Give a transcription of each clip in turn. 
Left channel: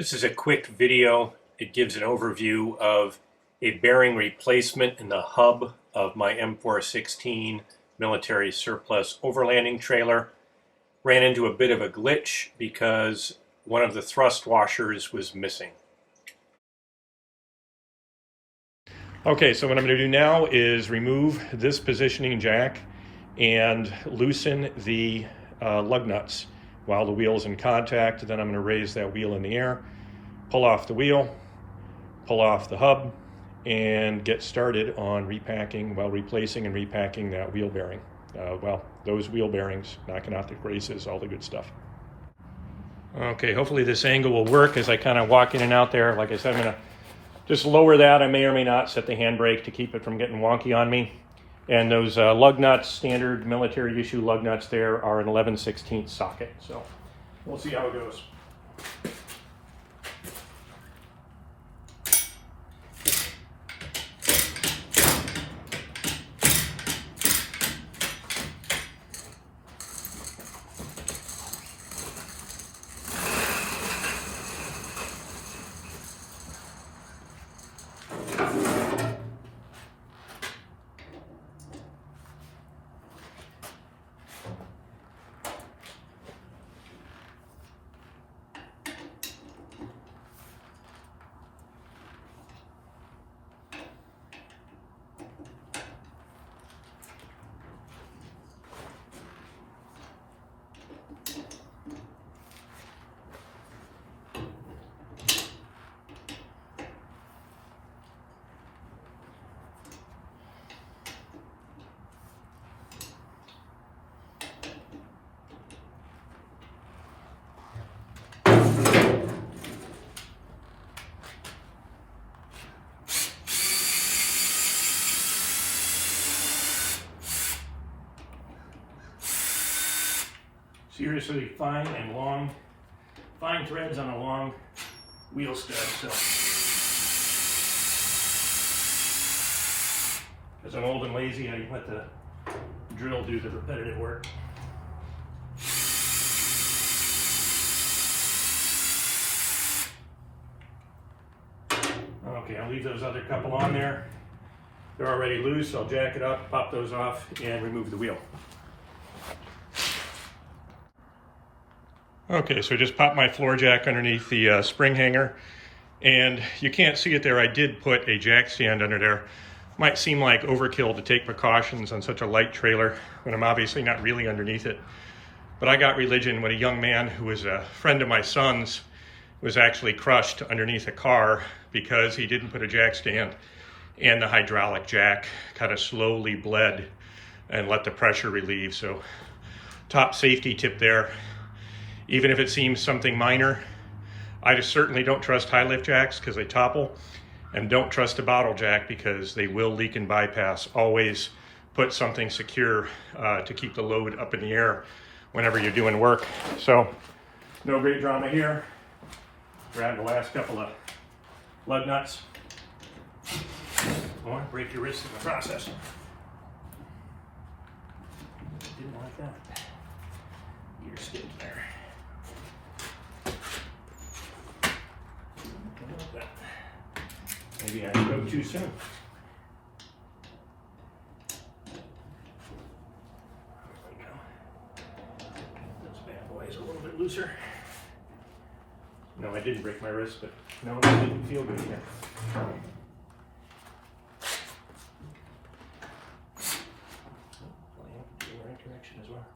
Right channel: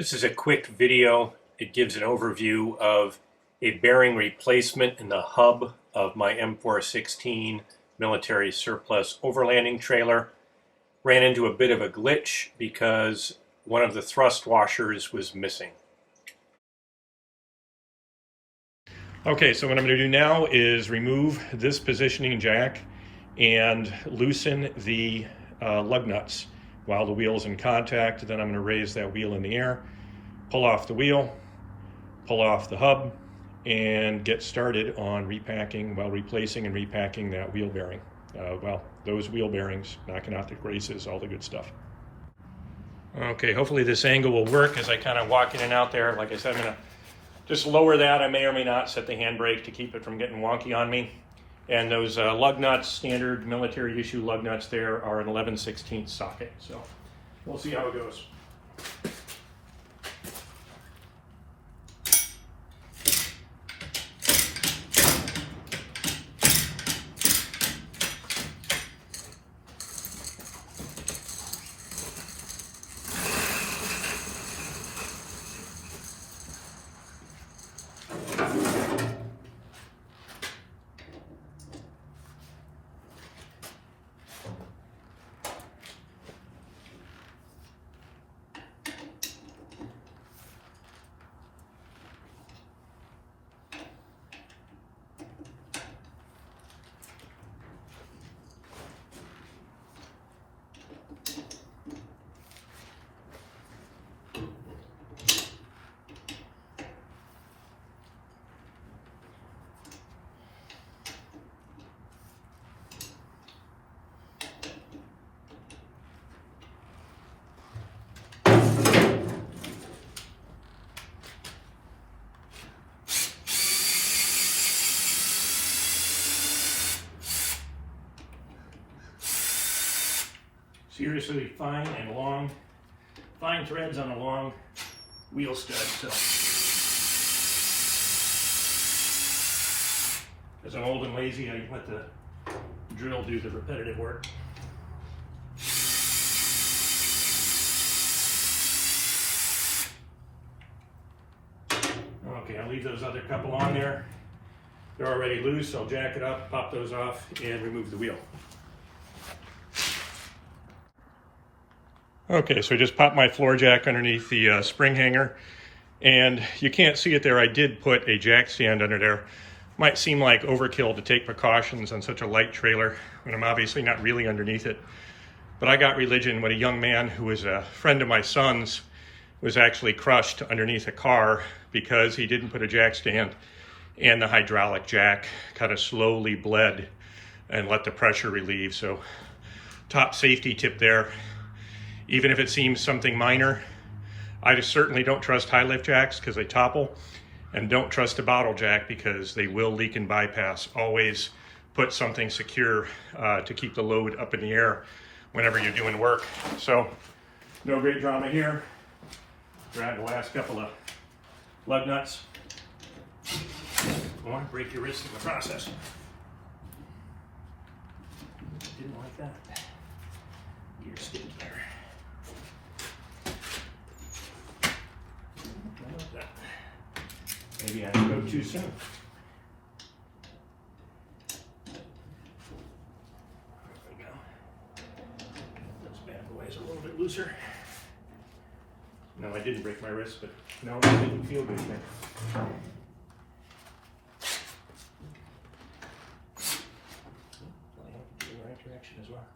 This is a quick video. It gives an overview of a bearing replacement in the hub of my M416 military surplus overlanding trailer. Ran into a bit of a glitch because one of the thrust washers was missing. Okay, so what I'm going to do now is remove this positioning jack and loosen the lug nuts while the wheel is in contact. Then I'm going to raise that wheel in the air, pull off the wheel, pull off the hub, and get started on repacking, replacing and repacking that wheel bearing. Those wheel bearings, knocking out the braces, all the good stuff. Okay, hopefully this angle will work as I kind of walk in and out there. Like I said, I'm going to just lower that. I may or may not set the handbrake to keep it from getting wonky on me. And those lug nuts, standard military issue lug nuts there, are an 11/16 socket. So we'll see how it goes. Seriously fine and long, fine threads on a long wheel stud. So, as I'm old and lazy, I let the drill do the repetitive work. Okay, I'll leave those other couple on there. They're already loose. I'll jack it up, pop those off, and remove the wheel. Okay, so I just popped my floor jack underneath the spring hanger, and you can't see it there. I did put a jack stand under there. Might seem like overkill to take precautions on such a light trailer when I'm obviously not really underneath it. But I got religion when a young man who was a friend of my son's was actually crushed underneath a car because he didn't put a jack stand, and the hydraulic jack kind of slowly bled and let the pressure relieve. So top safety tip there. Even if it seems something minor, I just certainly don't trust high lift jacks because they topple, and don't trust a bottle jack because they will leak and bypass. Always put something secure to keep the load up in the air whenever you're doing work. So no great drama here. Grab the last couple of lug nuts, or break your wrist in the process. Didn't like that. Gear skids there. Maybe I go too soon. There we go. This bad boy is a little bit looser. No, I didn't break my wrist, but no, it didn't feel good there. Playing in the right direction as well.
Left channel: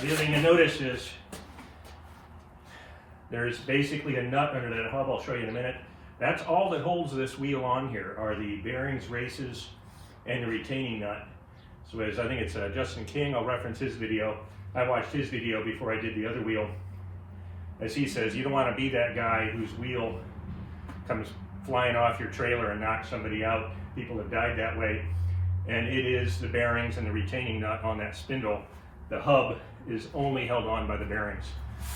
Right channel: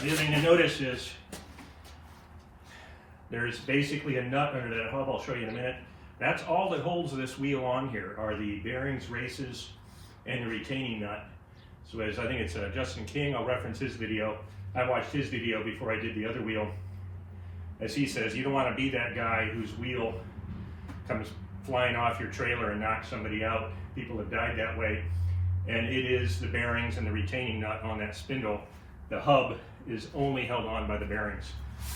The other thing to notice is there's basically a nut under that hub. I'll show you in a minute. That's all that holds this wheel on here are the bearings, races, and the retaining nut. So as I think it's Justin King, I'll reference his video. I watched his video before I did the other wheel. As he says, you don't want to be that guy whose wheel comes flying off your trailer and knocks somebody out. People have died that way. And it is the bearings and the retaining nut on that spindle the hub is only held on by the bearings.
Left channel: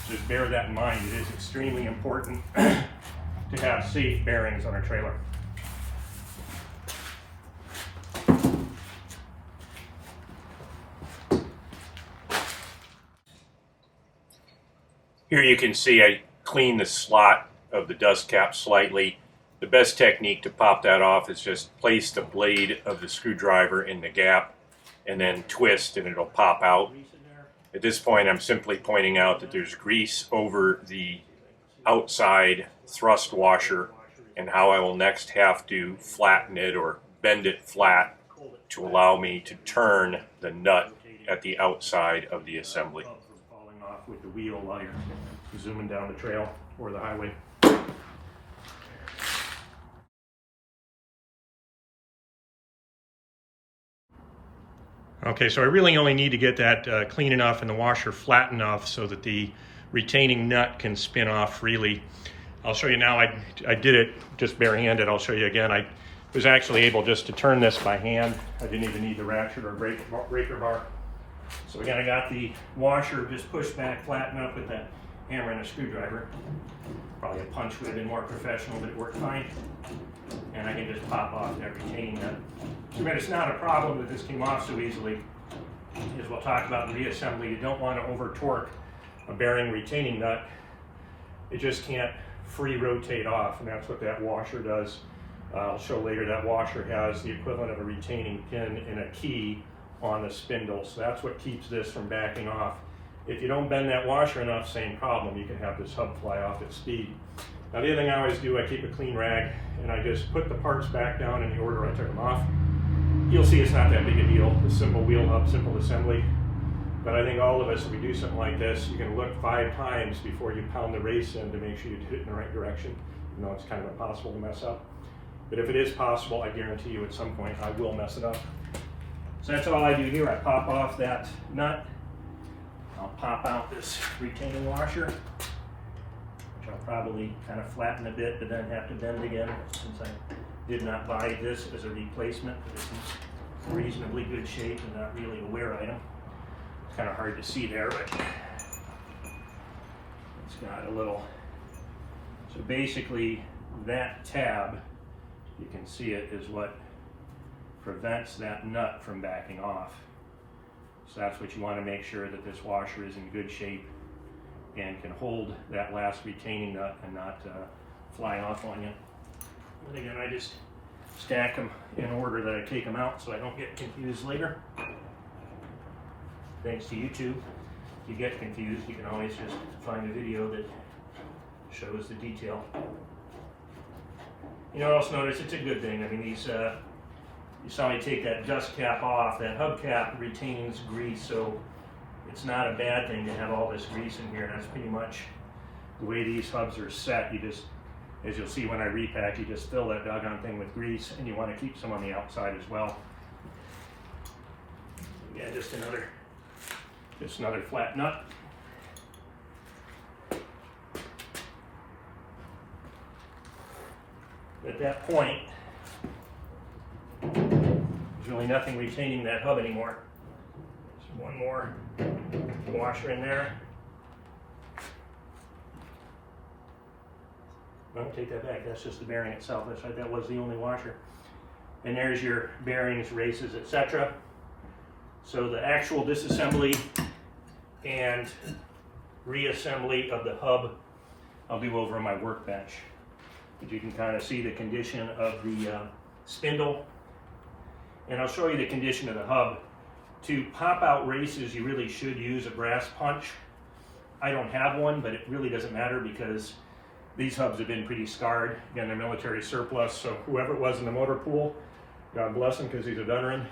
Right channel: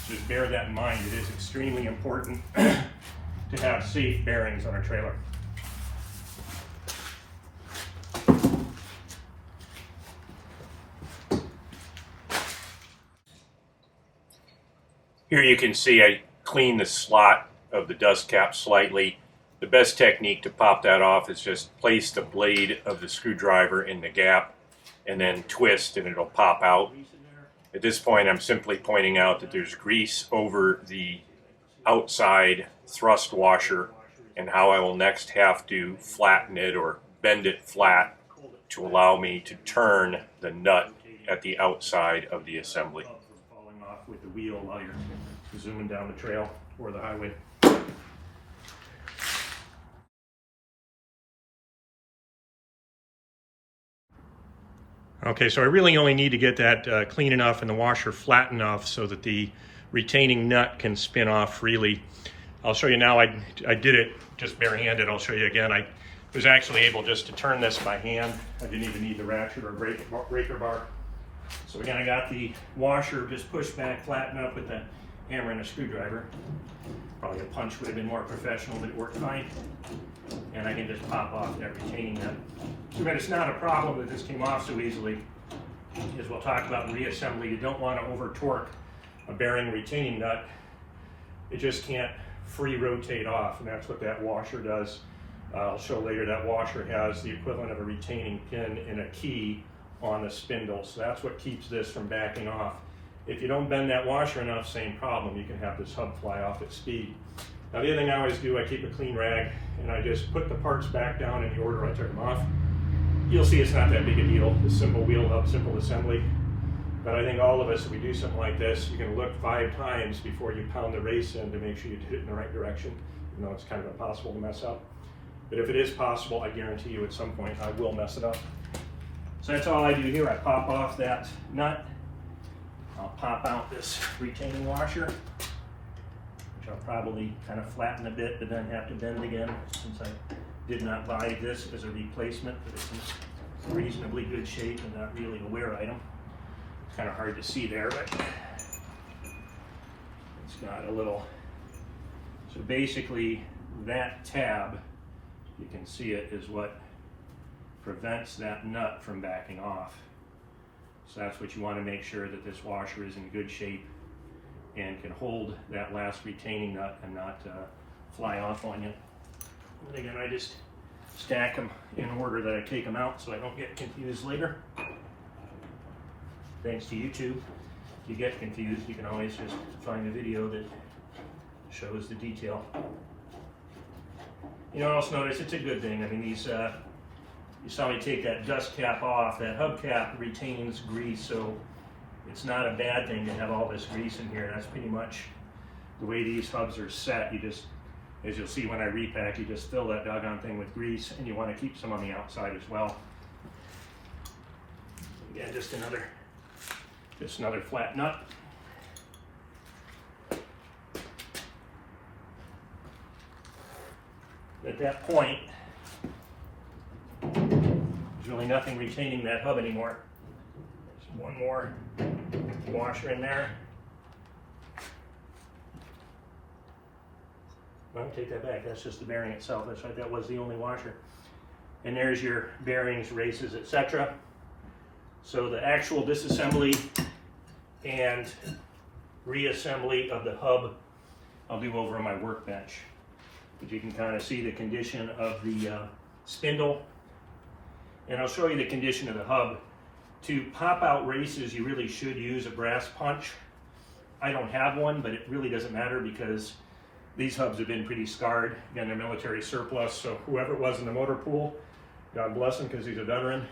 Just bear that in mind. It is extremely important to have safe bearings on a trailer. Here you can see I cleaned the slot of the dust cap slightly. The best technique to pop that off is just place the blade of the screwdriver in the gap and then twist and it'll pop out. At this point I'm simply pointing out that there's grease over the outside thrust washer and how I will next have to flatten it or bend it flat to allow me to turn the nut at the outside of the assembly. Falling off with the wheel while you're zooming down the trail or the highway. Okay, so I really only need to get that clean enough and the washer flat enough so that the retaining nut can spin off freely. I'll show you now. I did it just barehanded. I'll show you again. I was actually able just to turn this by hand. I didn't even need the ratchet or breaker bar. So again, I got the washer just pushed back, flattened up with the hammer and a screwdriver. Probably a punch would have been more professional, but it worked fine. And I can just pop off that retaining nut. So again, it's not a problem that this came off so easily. As we'll talk about in reassembly, you don't want to over torque a bearing retaining nut. It just can't free rotate off, and that's what that washer does. I'll show later that washer has the equivalent of a retaining pin and a key on the spindle, so that's what keeps this from backing off. If you don't bend that washer enough, same problem. You can have this hub fly off at speed. Now the other thing I always do, I keep a clean rag and I just put the parts back down in the order I took them off. You'll see it's not that big a deal. It's simple wheel hub, simple assembly. But I think all of us, if we do something like this, you can look 5 times before you pound the race in to make sure you hit it in the right direction. You know, it's kind of impossible to mess up. But if it is possible, I guarantee you at some point I will mess it up. So that's all I do here. I pop off that nut. I'll pop out this retaining washer, which I'll probably kind of flatten a bit, but then have to bend again since I did not buy this as a replacement, but it's in reasonably good shape and not really a wear item. It's kind of hard to see there, but it's got a little, so basically that tab, you can see it, is what prevents that nut from backing off. So that's what you want to make sure, that this washer is in good shape and can hold that last retaining nut and not fly off on you. And again, I just stack them in order that I take them out so I don't get confused later. Thanks to YouTube, if you get confused, you can always just find a video that shows the detail. You know, also notice it's a good thing. I mean, these, you saw me take that dust cap off. That hub cap retains grease, so it's not a bad thing to have all this grease in here. That's pretty much the way these hubs are set. You just, as you'll see when I repack, you just fill that doggone thing with grease, and you want to keep some on the outside as well. Again, just another flat nut. At that point, there's really nothing retaining that hub anymore. There's one more washer in there. No, take that back. That's just the bearing itself. That's right. That was the only washer. And there's your bearings, races, etc. So the actual disassembly and reassembly of the hub, I'll do over on my workbench. But you can kind of see the condition of the spindle. And I'll show you the condition of the hub. To pop out races, you really should use a brass punch. I don't have one, but it really doesn't matter because these hubs have been pretty scarred. Again, they're military surplus, so whoever it was in the motor pool, God bless him because he's a veteran,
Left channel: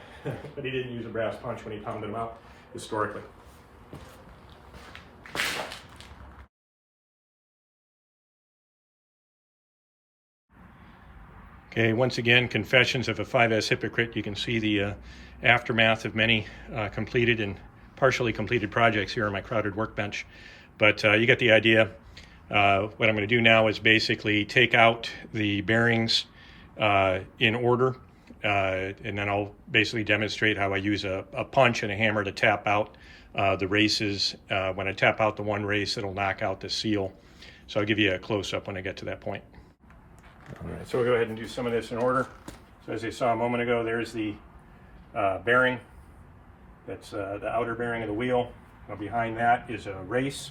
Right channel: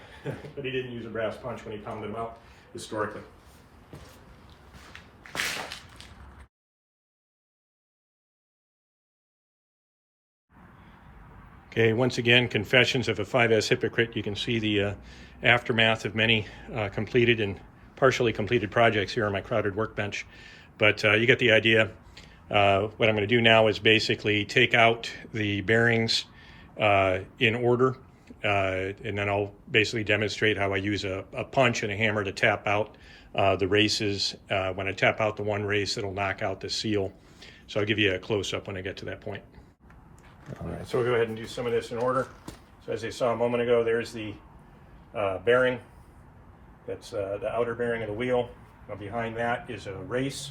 but he didn't use a brass punch when he pounded them out historically. Okay, once again, confessions of a 5S hypocrite. You can see the aftermath of many completed and partially completed projects here on my crowded workbench. But you get the idea. What I'm going to do now is basically take out the bearings in order and then I'll basically demonstrate how I use a punch and a hammer to tap out the races. When I tap out the one race, it'll knock out the seal. So I'll give you a close-up when I get to that point. All right, so we'll go ahead and do some of this in order. So as you saw a moment ago, there's the bearing. That's the outer bearing of the wheel. Now behind that is a race.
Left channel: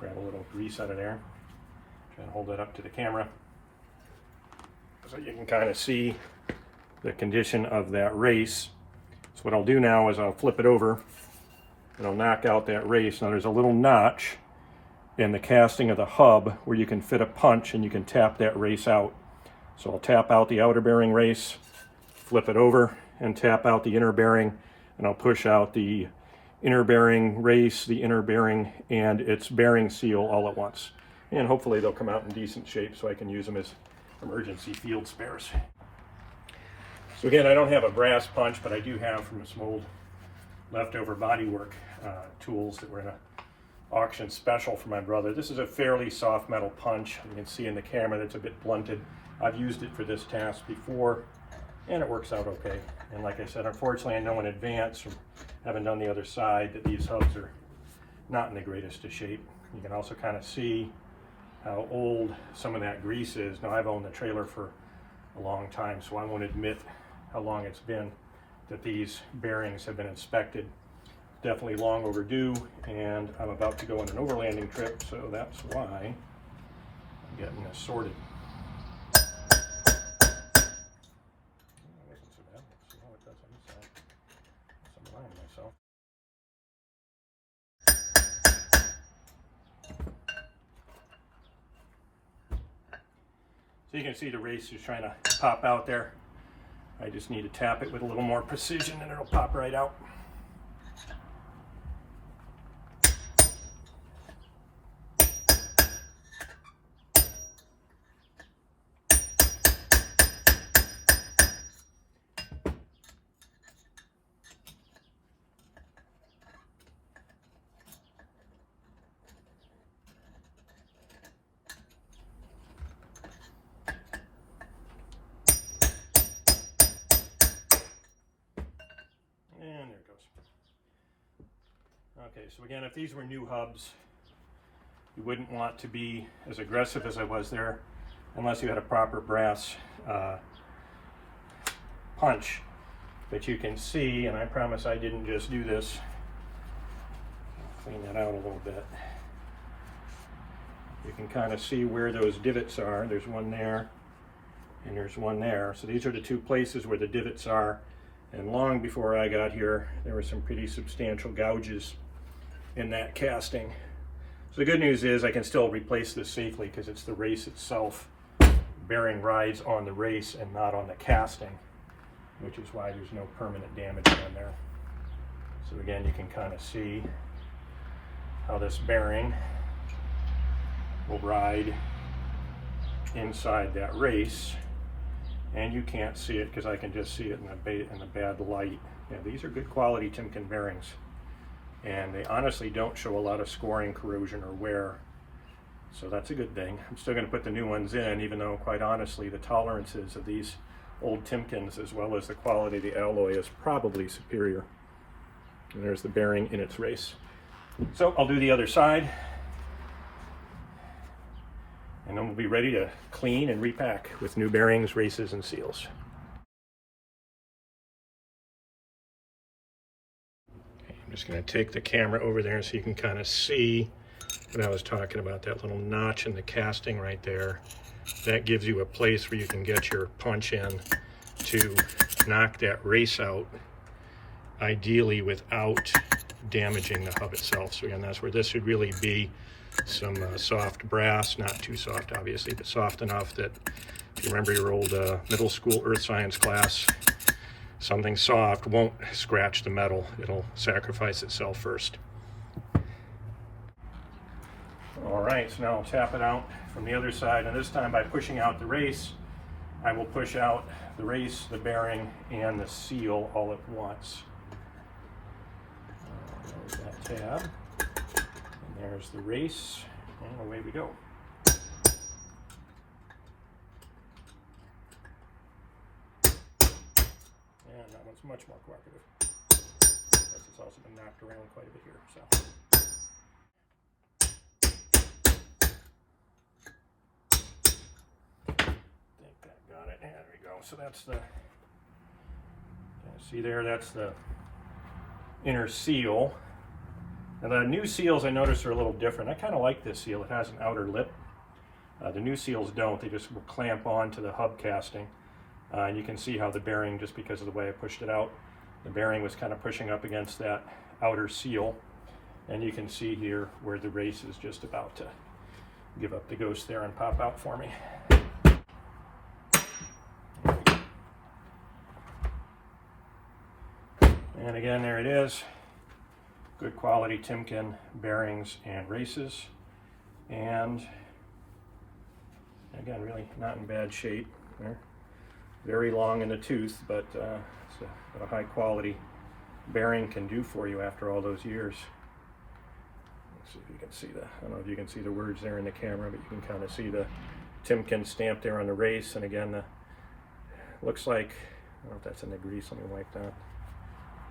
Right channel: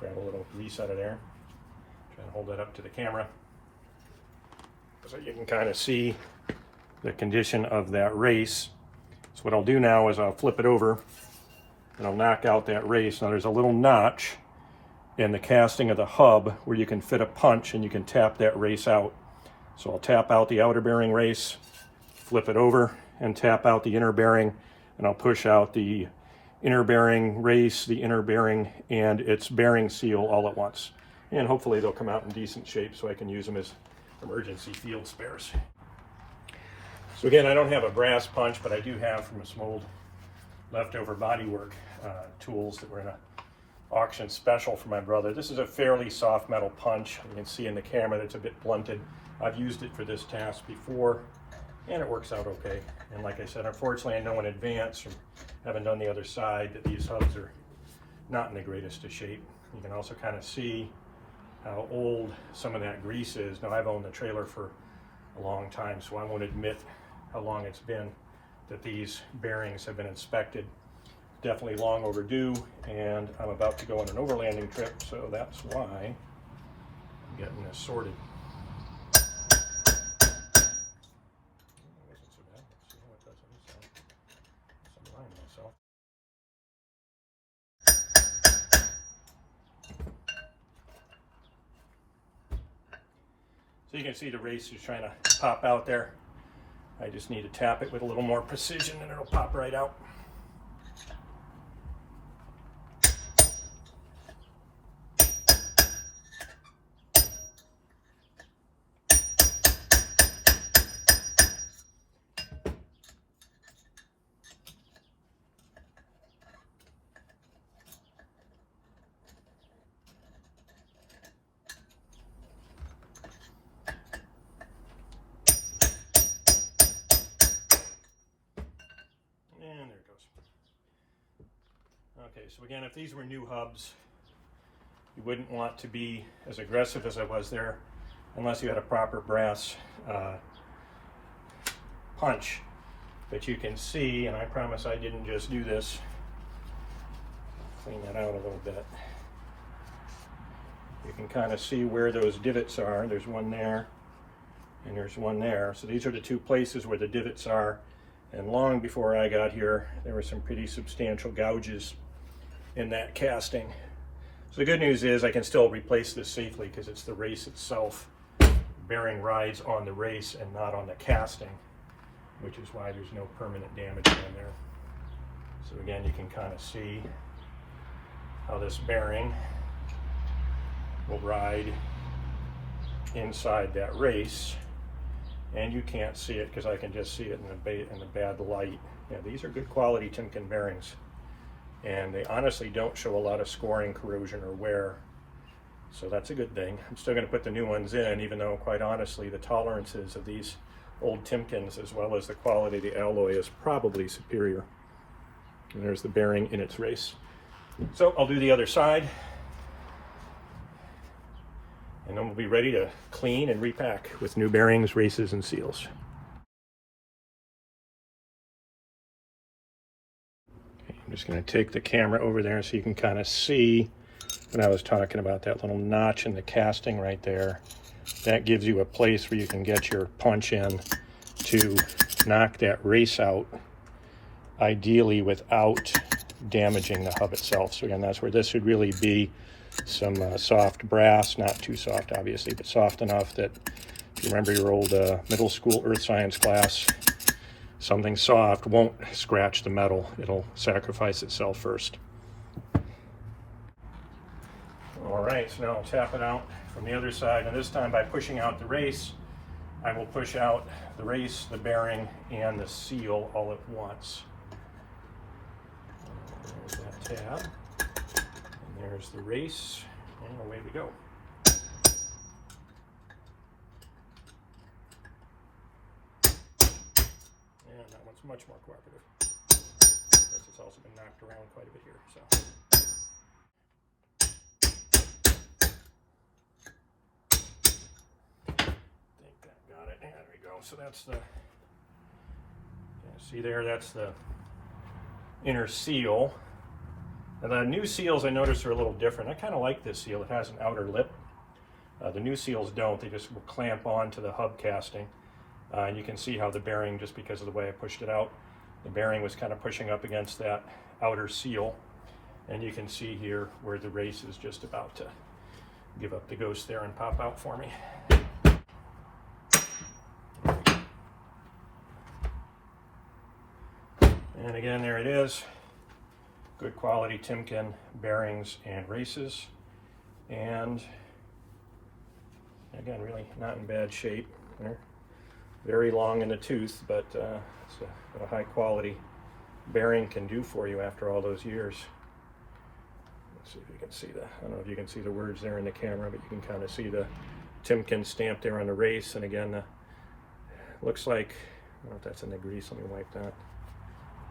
Grab a little grease out of there. Try and hold that up to the camera so you can kind of see the condition of that race. So what I'll do now is I'll flip it over and I'll knock out that race. Now there's a little notch in the casting of the hub where you can fit a punch and you can tap that race out. So I'll tap out the outer bearing race, flip it over and tap out the inner bearing, and I'll push out the inner bearing race, the inner bearing, and its bearing seal all at once. And hopefully they'll come out in decent shape so I can use them as emergency field spares. So again, I don't have a brass punch, but I do have from some old leftover bodywork tools that were in a auction special for my brother. This is a fairly soft metal punch. You can see in the camera that's a bit blunted. I've used it for this task before and it works out okay. And like I said, unfortunately I know in advance from having done the other side that these hubs are not in the greatest of shape. You can also kind of see how old some of that grease is. Now I've owned the trailer for a long time, so I won't admit how long it's been that these bearings have been inspected. Definitely long overdue, and I'm about to go on an overlanding trip, so that's why I'm getting this sorted. Wasn't so bad. Let's see how it does on this side. I'm lying to myself. So you can see the race is trying to pop out there. I just need to tap it with a little more precision and it'll pop right out. Okay, so again, if these were new hubs, you wouldn't want to be as aggressive as I was there unless you had a proper brass punch. But you can see, and I promise I didn't just do this, I'll clean that out a little bit. You can kind of see where those divots are. There's one there and there's one there. So these are the two places where the divots are. And long before I got here, there were some pretty substantial gouges in that casting. So the good news is I can still replace this safely because it's the race itself. Bearing rides on the race and not on the casting, which is why there's no permanent damage on there. So again, you can kind of see how this bearing will ride inside that race. And you can't see it because I can just see it in the bad light. Yeah, these are good quality Timken bearings. And they honestly don't show a lot of scoring, corrosion, or wear. So that's a good thing. I'm still going to put the new ones in, even though quite honestly the tolerances of these old Timkens as well as the quality of the alloy is probably superior. And there's the bearing in its race. So I'll do the other side. And then we'll be ready to clean and repack with new bearings, races, and seals. I'm just going to take the camera over there so you can kind of see what I was talking about, that little notch in the casting right there. That gives you a place where you can get your punch in to knock that race out, ideally without damaging the hub itself. So again, that's where this would really be some soft brass, not too soft obviously, but soft enough that if you remember your old middle school earth science class, something soft won't scratch the metal. It'll sacrifice itself first. All right, so now I'll tap it out from the other side, and this time by pushing out the race, I will push out the race, the bearing, and the seal all at once. There's that tab, and there's the race, and away we go. it's much more cooperative. It's also been knocked around quite a bit here. So. I think that got it. Yeah, there we go. So that's the, see there, that's the inner seal. And the new seals I noticed are a little different. I kind of like this seal. It has an outer lip. The new seals don't. They just will clamp on to the hub casting. And you can see how the bearing, just because of the way I pushed it out, the bearing was kind of pushing up against that outer seal. And you can see here where the race is just about to give up the ghost there and pop out for me. And again, there it is. Good quality Timken bearings and races. And again, really not in bad shape. They're very long in the tooth, but it's what a high quality bearing can do for you after all those years. Let's see if you can see the, I don't know if you can see the words there in the camera, but you can kind of see the Timken stamp there on the race. And again, the looks like, I don't know if that's in the grease. Let me wipe that.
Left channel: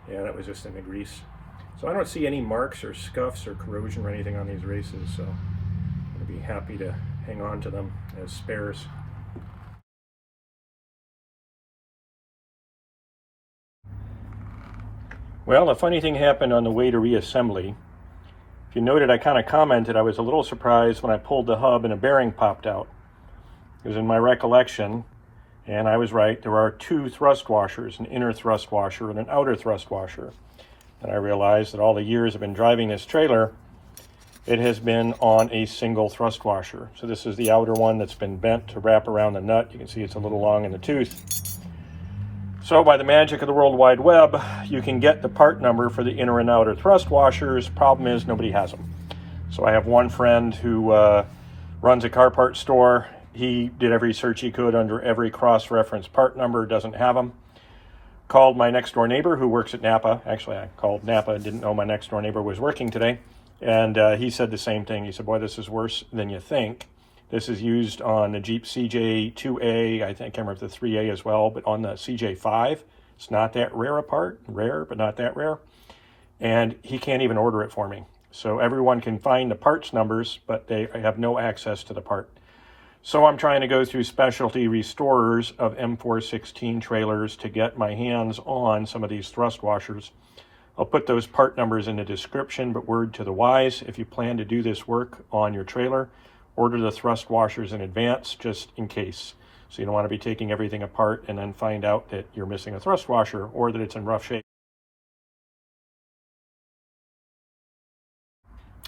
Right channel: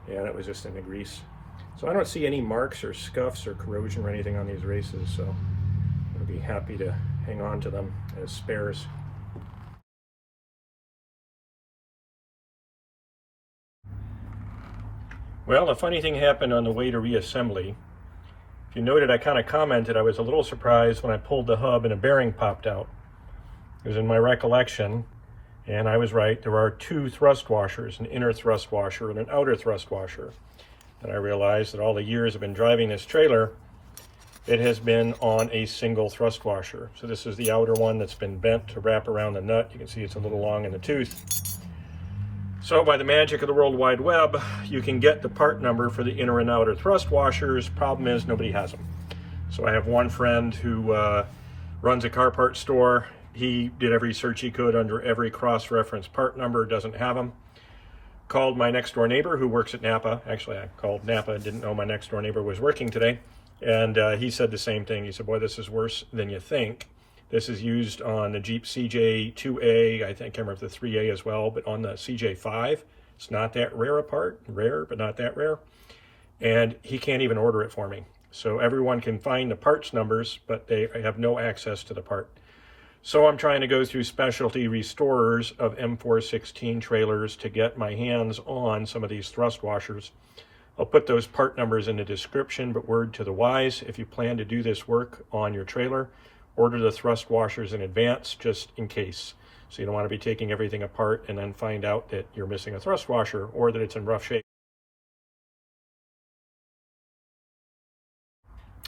Yeah, that was just in the grease. So I don't see any marks or scuffs or corrosion or anything on these races, so I'll be happy to hang on to them as spares. Well, a funny thing happened on the way to reassembly. If you noted, I kind of commented I was a little surprised when I pulled the hub and a bearing popped out. It was in my recollection, and I was right. There are two thrust washers, an inner thrust washer and an outer thrust washer. And I realized that all the years I've been driving this trailer, it has been on a single thrust washer. So this is the outer one that's been bent to wrap around the nut. You can see it's a little long in the tooth. So by the magic of the World Wide Web, you can get the part number for the inner and outer thrust washers. Problem is, nobody has them. So I have one friend who runs a car part store. He did every search he could under every cross-reference part number, doesn't have them. Called my next door neighbor who works at Napa. Actually, I called Napa, didn't know my next door neighbor was working today. And he said the same thing. He said, boy, this is worse than you think. This is used on the Jeep CJ2A, I think, I can't remember if the 3A as well, but on the CJ5, it's not that rare a part, rare, but not that rare. And he can't even order it for me. So everyone can find the parts numbers, but they have no access to the part. So I'm trying to go through specialty restorers of M416 trailers to get my hands on some of these thrust washers. I'll put those part numbers in the description, but word to the wise, if you plan to do this work on your trailer, order the thrust washers in advance just in case. So you don't want to be taking everything apart and then find out that you're missing a thrust washer or that it's in rough shape.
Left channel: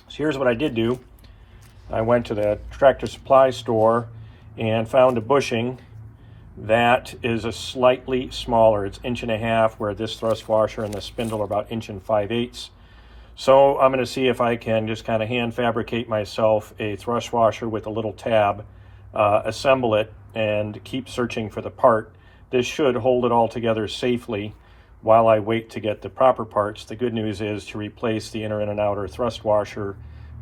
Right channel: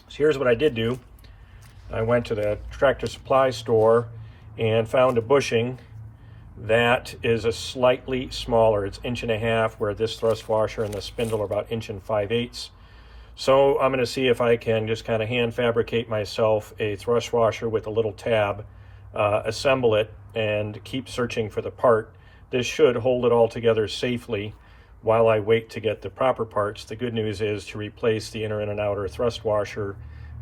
So here's what I did do. I went to the Tractor Supply store and found a bushing that is a slightly smaller. It's 1.5 inches, where this thrust washer and the spindle are about 1 5/8 inches. So I'm going to see if I can just kind of hand fabricate myself a thrust washer with a little tab, assemble it, and keep searching for the part. This should hold it all together safely while I wait to get the proper parts. The good news is to replace the inner and an outer thrust washer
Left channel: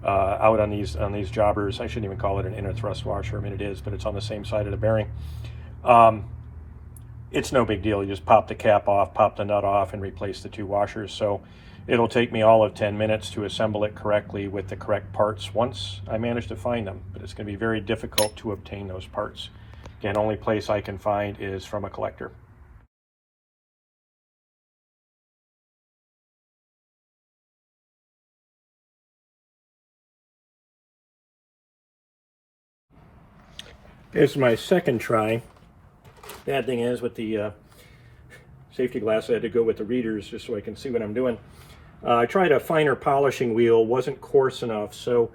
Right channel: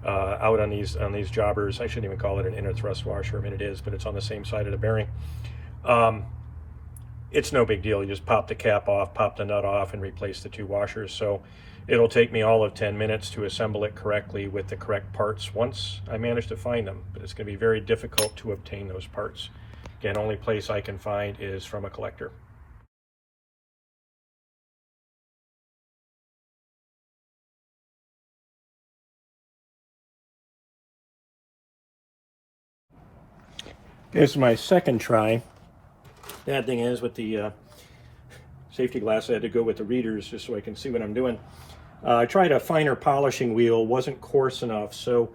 out on these jobbers. I shouldn't even call it an inner thrust washer. I mean, it is, but it's on the same side of the bearing. It's no big deal. You just pop the cap off, pop the nut off, and replace the two washers. So it'll take me all of 10 minutes to assemble it correctly with the correct parts once I manage to find them. But it's going to be very difficult to obtain those parts. Again, only place I can find is from a collector. This is my second try. Bad thing is with the safety glass, I had to go with the readers just so I can see what I'm doing. I tried a finer polishing wheel, wasn't coarse enough, so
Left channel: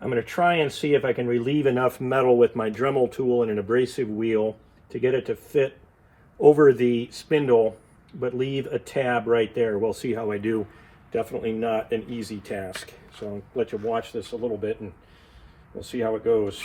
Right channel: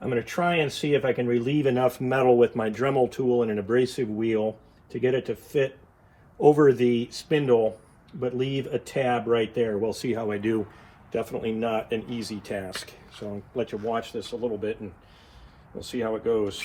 I'm going to try and see if I can relieve enough metal with my Dremel tool and an abrasive wheel to get it to fit over the spindle, but leave a tab right there. We'll see how I do. Definitely not an easy task. So I'll let you watch this a little bit and we'll see how it goes.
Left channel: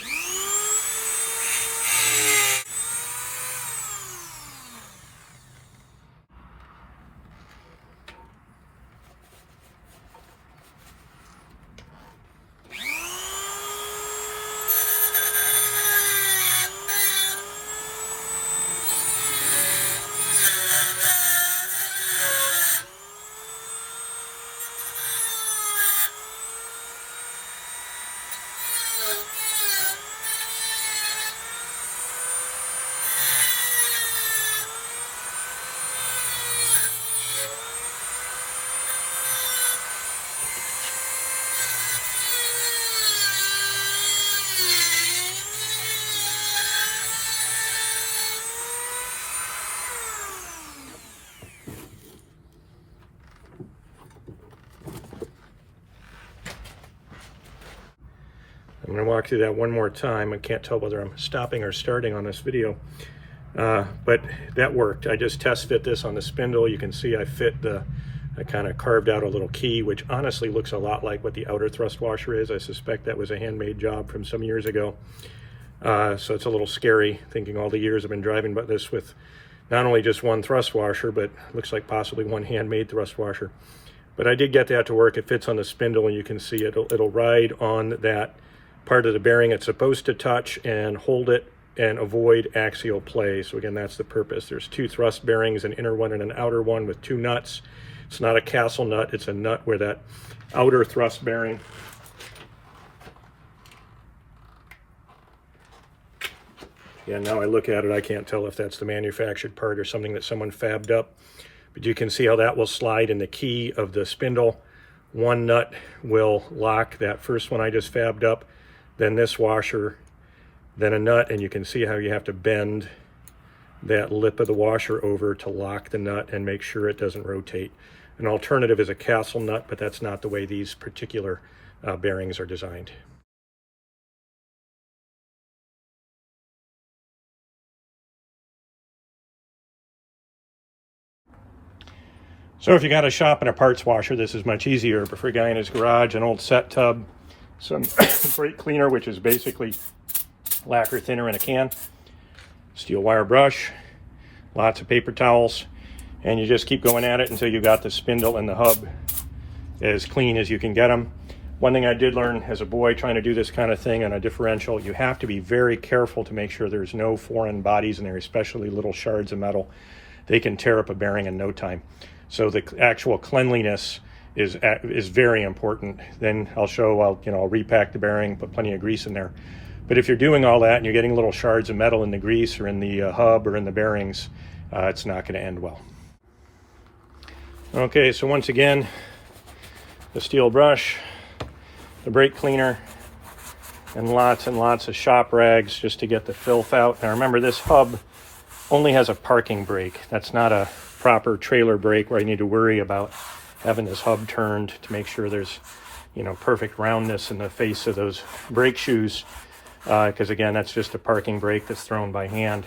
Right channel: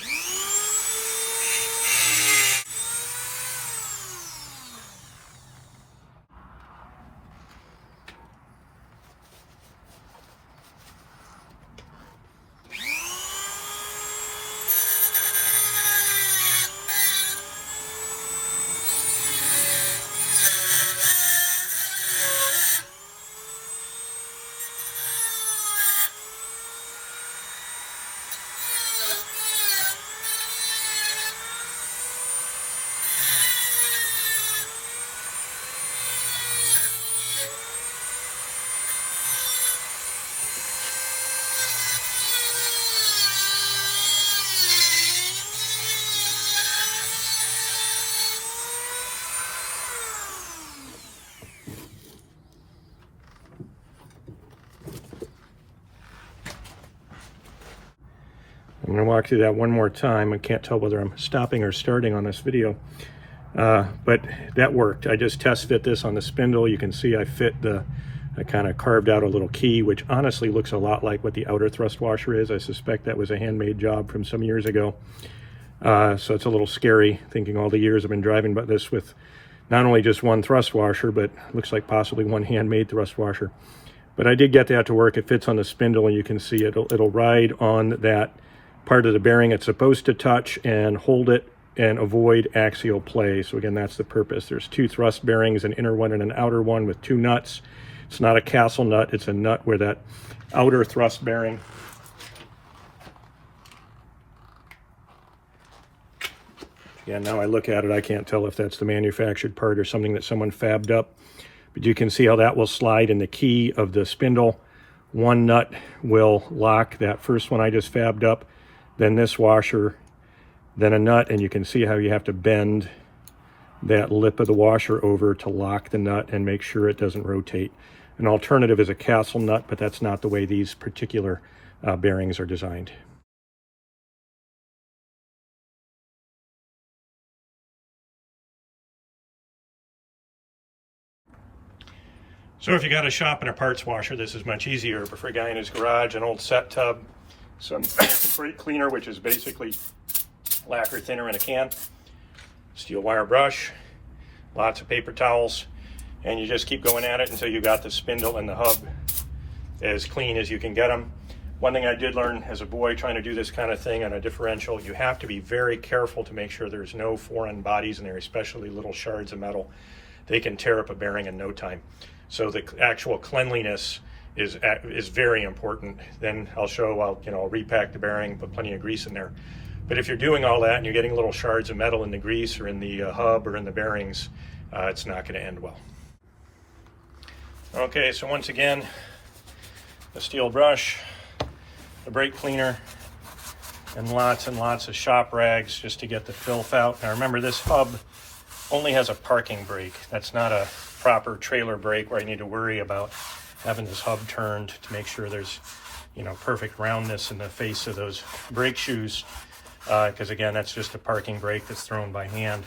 going to walk through that one more time. I can't tell whether I'm stopping or starting on this video, but that worked. I just test fit this on the spindle. You can see I kind of carved out a little key, which honestly looks a lot like what the outer thrust washer is. I suspect that was a handmade job from some years ago. So it's a little scary thinking all the years I've been driving about this with not only just one thrust washer, but looks like possibly one handmade thrust washer. But I did get that to work. It fits on the spindle, and you can see it'll ride on that part of the bearing it's supposed to touch and hold it and avoid axial play. So again, that's the purpose. There's two thrust bearings, an inner one and an outer one with two nuts. It's not a castle nut, it's a nut where that outer thrust bearing now I look at it, I can't tell if that's the manufactured part or something that someone fabbed up. But you can see how that will slide in the key of the spindle. One nut will lock that first one I just fabbed up, then this washer, then a nut, and you can see how you have to bend that lip of the washer over to lock the nut and make sure it doesn't rotate. An alternative is a castle nut, but that's not the way these particular bearings are designed. So if you got a shop and a parts washer, this is much easier. But for a guy in his garage, an old set tub, some brake cleaner, which is basically lacquer thinner in a can, steel wire brush, lots of paper towels, and you just keep going at it until you got the spindle and the hub as clean as you can get them. One thing I did learn as a boy trying to do this kind of thing on a differential, you have to be very careful to make sure there's no foreign bodies in there, especially little shards of metal. They can tear up a bearing in no time. So the actual cleanliness is very important. Then I'll show, I'll repack the bearing, put plenty of grease in there. But if you're doing all that and you're getting little shards of metal in the grease or in the hub or in the bearings, it's not going to end well. Okay, so once again, the steel brush, the brake cleaner, and lots of shop rags just to get the filth out. Now remember, this hub only has a parking brake. That's not a proper trailer brake where I need to worry about having this hub turned to make sure there's, perfect roundness in the face of those brake shoes. Because again, that's just a parking brake that's thrown by hand.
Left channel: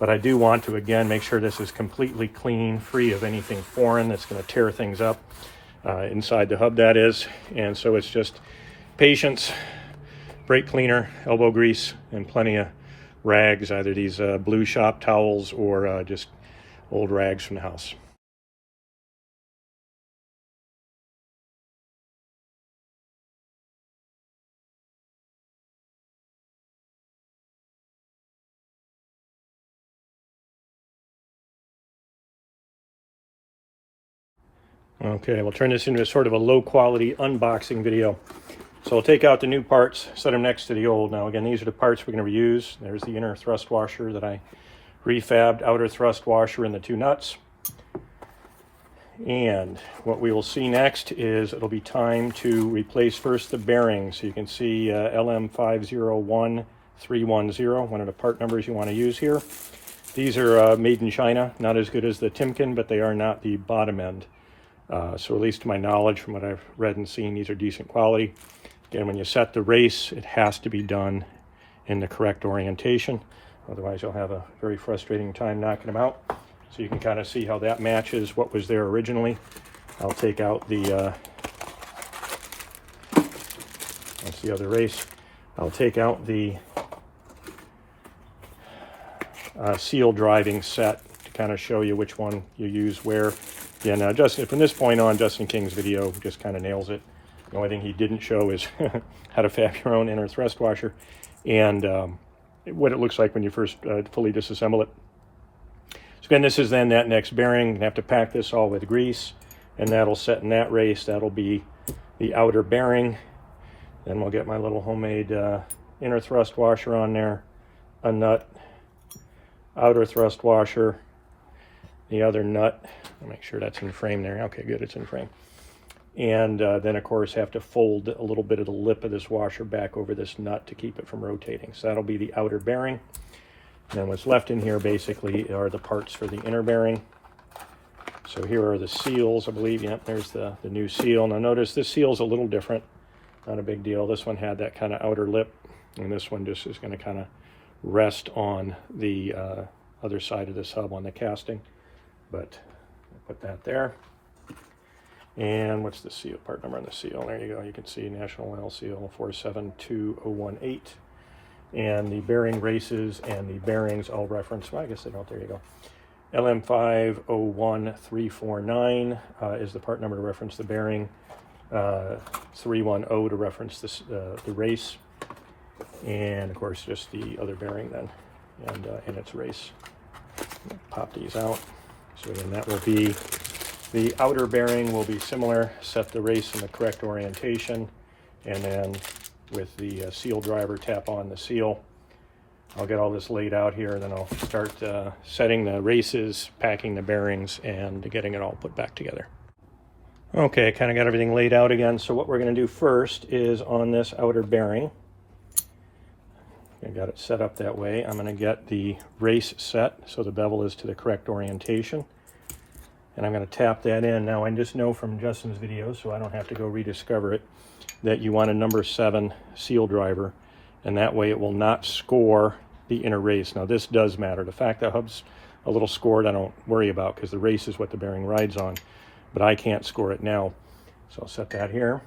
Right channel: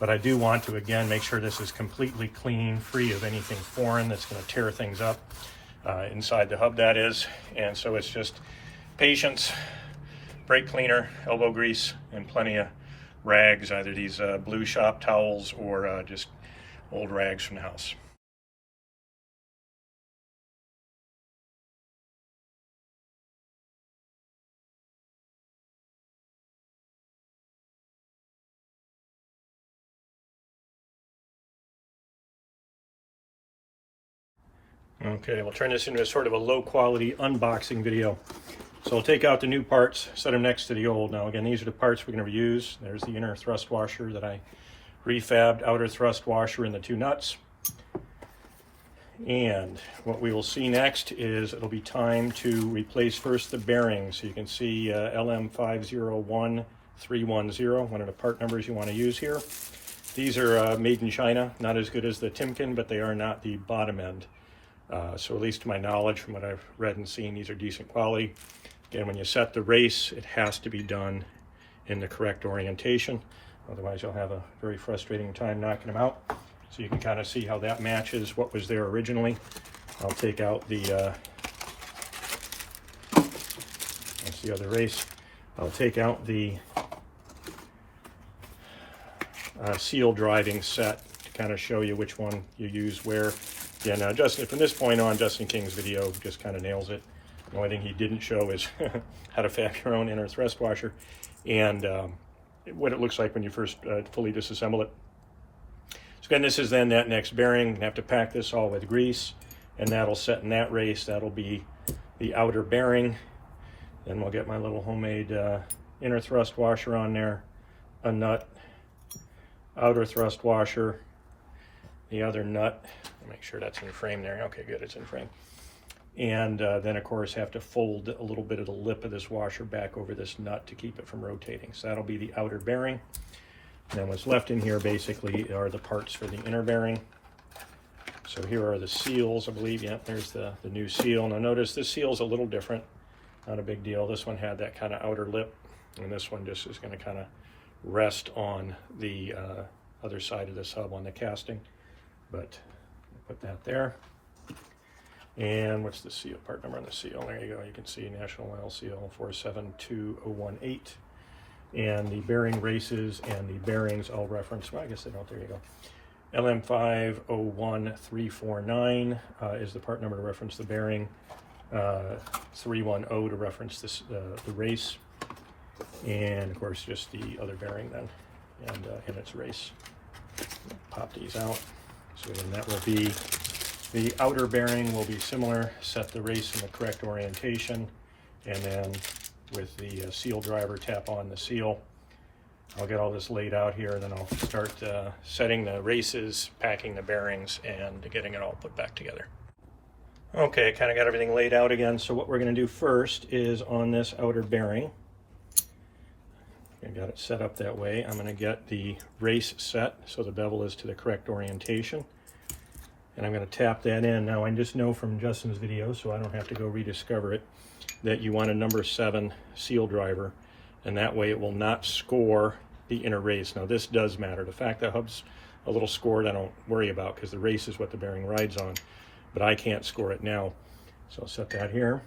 But I do want to, again, make sure this is completely clean, free of anything foreign that's going to tear things up inside the hub, that is. And so it's just patience, brake cleaner, elbow grease, and plenty of rags, either these blue shop towels or just old rags from the house. Okay, we'll turn this into a sort of a low quality unboxing video. So I'll take out the new parts, set them next to the old. Now again, these are the parts we're going to reuse. There's the inner thrust washer that I refabbed, outer thrust washer, and the two nuts. And what we will see next is it'll be time to replace first the bearings. So you can see LM501310, one of the part numbers you want to use here. These are made in China, not as good as the Timken, but they are not the bottom end. So at least to my knowledge, from what I've read and seen, these are decent quality. Again, when you set the race, it has to be done in the correct orientation. Otherwise, you'll have a very frustrating time knocking them out. So you can kind of see how that matches what was there originally. I'll take out the, that's the other race. I'll take out the seal driving set to kind of show you which one you use where. Yeah, now Justin, from this point on, Justin King's video just kind of nails it. The only thing he didn't show is how to fab your own inner thrust washer and what it looks like when you first fully disassemble it. So again, this is then that next bearing. You have to pack this all with grease, and that'll set in that race. That'll be the outer bearing. Then we'll get my little homemade inner thrust washer on there, a nut, outer thrust washer, the other nut. Make sure that's in frame there. Okay, good, it's in frame. And then of course have to fold a little bit of the lip of this washer back over this nut to keep it from rotating. So that'll be the outer bearing. And then what's left in here basically are the parts for the inner bearing. So here are the seals, I believe. Yep, there's the new seal. Now notice this seal is a little different. Not a big deal. This one had that kind of outer lip. And this one just is going to kind of rest on the other side of this hub on the casting. But I'll put that there. And what's the seal, part number on the seal? There you go. You can see National Oil Seal 472018. And the bearing races and the bearings all reference, well, I guess they don't, there you go. LM501349 is the part number to reference the bearing. 310 to reference this, the race. And of course, just the other bearing then, and in its race. Pop these out. So then that will be, the outer bearing will be similar, set the race in the correct orientation, and then with the seal driver, tap on the seal. I'll get all this laid out here, and then I'll start setting the races, packing the bearings, and getting it all put back together. Okay, I kind of got everything laid out again, so what we're going to do first is on this outer bearing. I got it set up that way. I'm going to get the race set so the bevel is to the correct orientation. And I'm going to tap that in. Now I just know from Justin's video, so I don't have to go rediscover it, that you want a number 7 seal driver, and that way it will not score the inner race. Now this does matter. The fact that hub's a little scored I don't worry about, because the race is what the bearing rides on, but I can't score it now. So I'll set that here,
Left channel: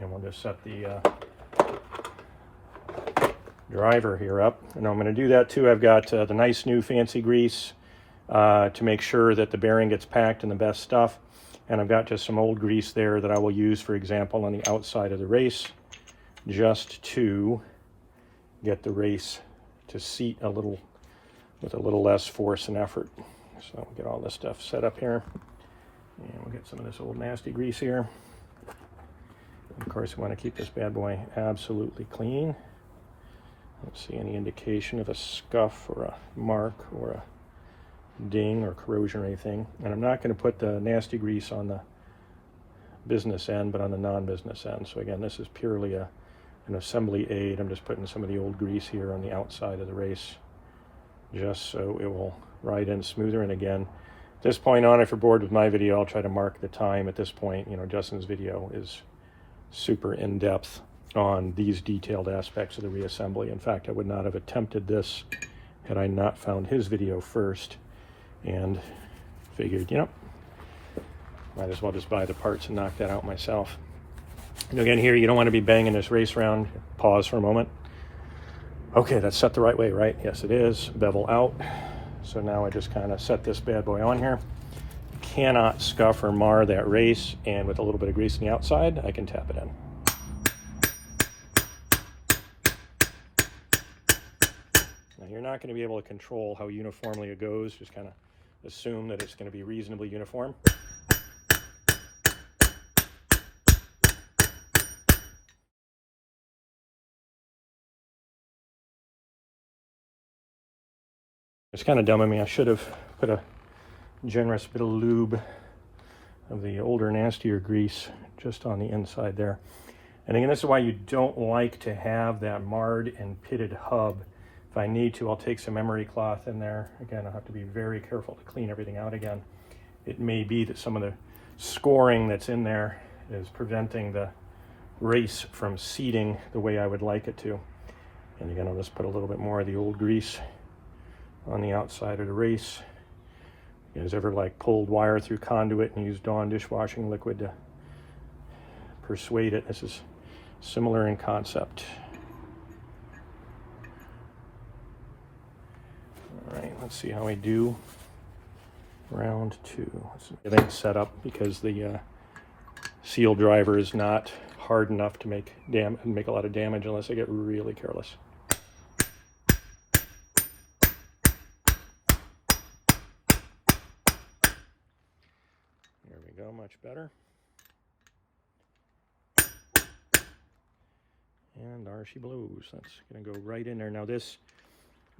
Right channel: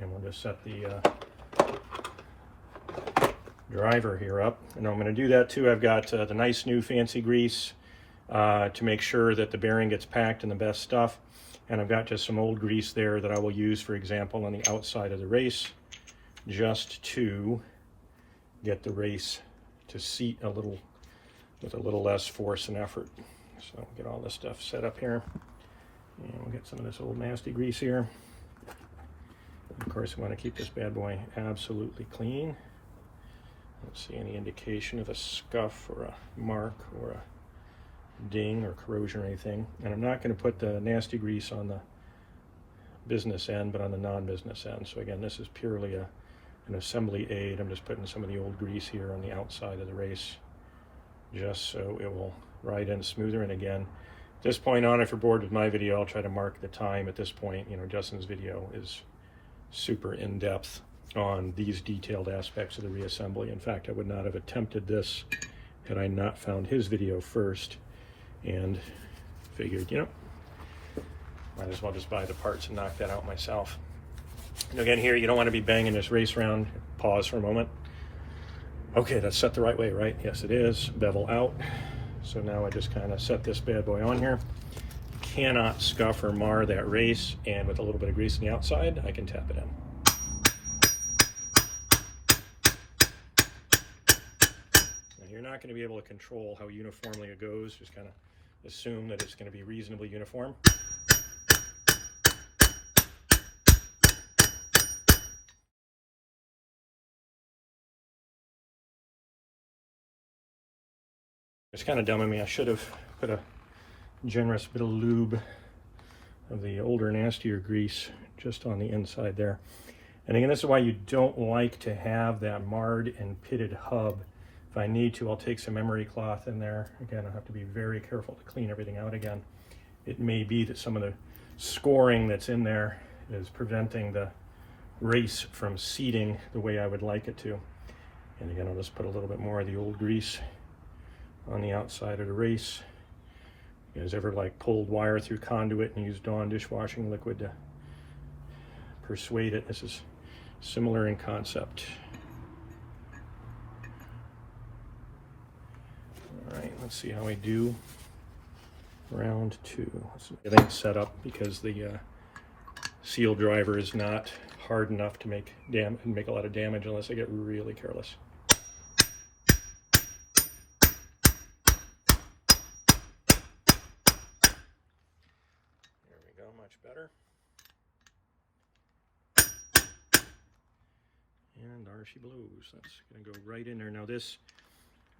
and we'll just set the driver here up. And I'm going to do that too. I've got the nice new fancy grease to make sure that the bearing gets packed in the best stuff, and I've got just some old grease there that I will use, for example, on the outside of the race, just to get the race to seat a little, with a little less force and effort. So I'll get all this stuff set up here, and we'll get some of this old nasty grease here. Of course, we want to keep this bad boy absolutely clean. Don't see any indication of a scuff or a mark or a ding or corrosion or anything. And I'm not going to put the nasty grease on the business end, but on the non-business end. So again, this is purely an assembly aid. I'm just putting some of the old grease here on the outside of the race, just so it will ride in smoother. And again, at this point on, if you're bored with my video, I'll try to mark the time at this point. You know, Justin's video is super in-depth on these detailed aspects of the reassembly. In fact, I would not have attempted this had I not found his video first, and figured, you know, might as well just buy the parts and knock that out myself. And again, here, you don't want to be banging this race around. Pause for a moment. Okay, that's set the right way, right? Yes, it is. Bevel out. So now I just kind of set this bad boy on here. Cannot scuff or mar that race, and with a little bit of grease on the outside, I can tap it in. You're not going to be able to control how uniformly it goes. Just kind of assume that it's going to be reasonably uniform. It's kind of dumb of me. I should have put a generous bit of lube of the older, nastier grease just on the inside there. And again, this is why you don't like to have that marred and pitted hub. If I need to, I'll take some emery cloth in there. Again, I'll have to be very careful to clean everything out again. It may be that some of the scoring that's in there is preventing the race from seating the way I would like it to. And again, I'll just put a little bit more of the old grease on the outside of the race. You guys ever like pulled wire through conduit and used Dawn dishwashing liquid to persuade it? This is similar in concept. All right, let's see how we do. Round 2. Everything's set up because the seal driver is not hard enough to make a lot of damage unless I get really careless. There we go, much better. And there she blows. That's going to go right in there. Now this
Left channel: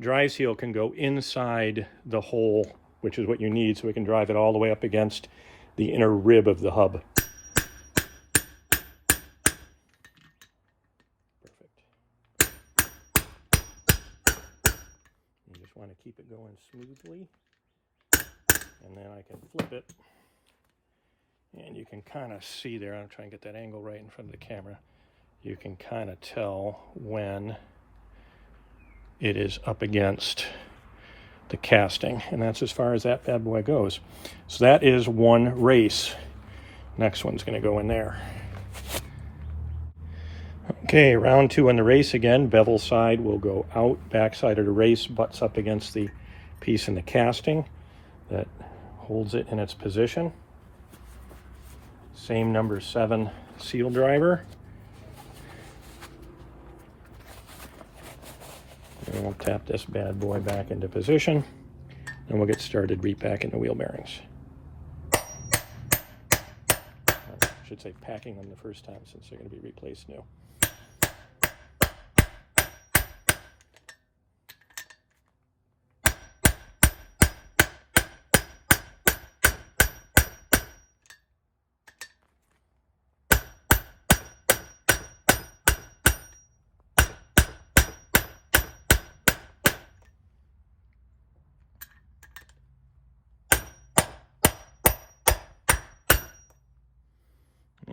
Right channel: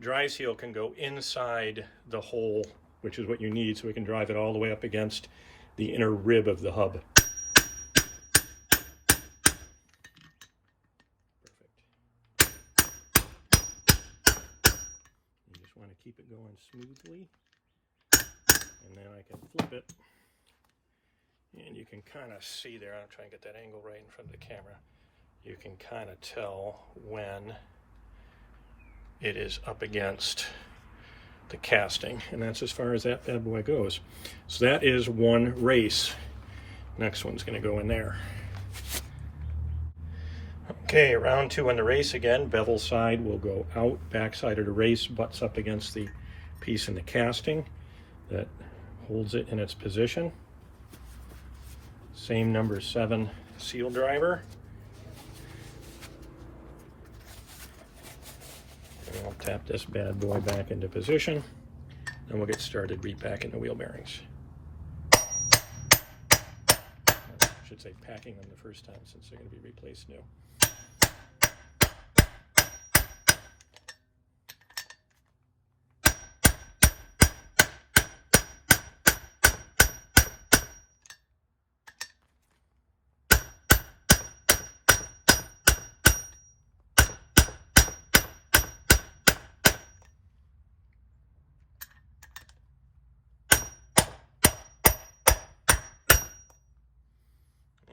dry seal can go inside the hole, which is what you need, so we can drive it all the way up against the inner rib of the hub. Perfect. You just want to keep it going smoothly, and then I can flip it, and you can kind of see there, I'm trying to get that angle right in front of the camera, you can kind of tell when it is up against the casting, and that's as far as that bad boy goes. So that is one race. Next one's going to go in there. Okay, round 2 on the race again. Bevel side will go out, back side of the race butts up against the piece in the casting that holds it in its position. Same number 7 seal driver. And we'll tap this bad boy back into position, and we'll get started repacking the wheel bearings. I should say packing them the first time, since they're going to be replaced new.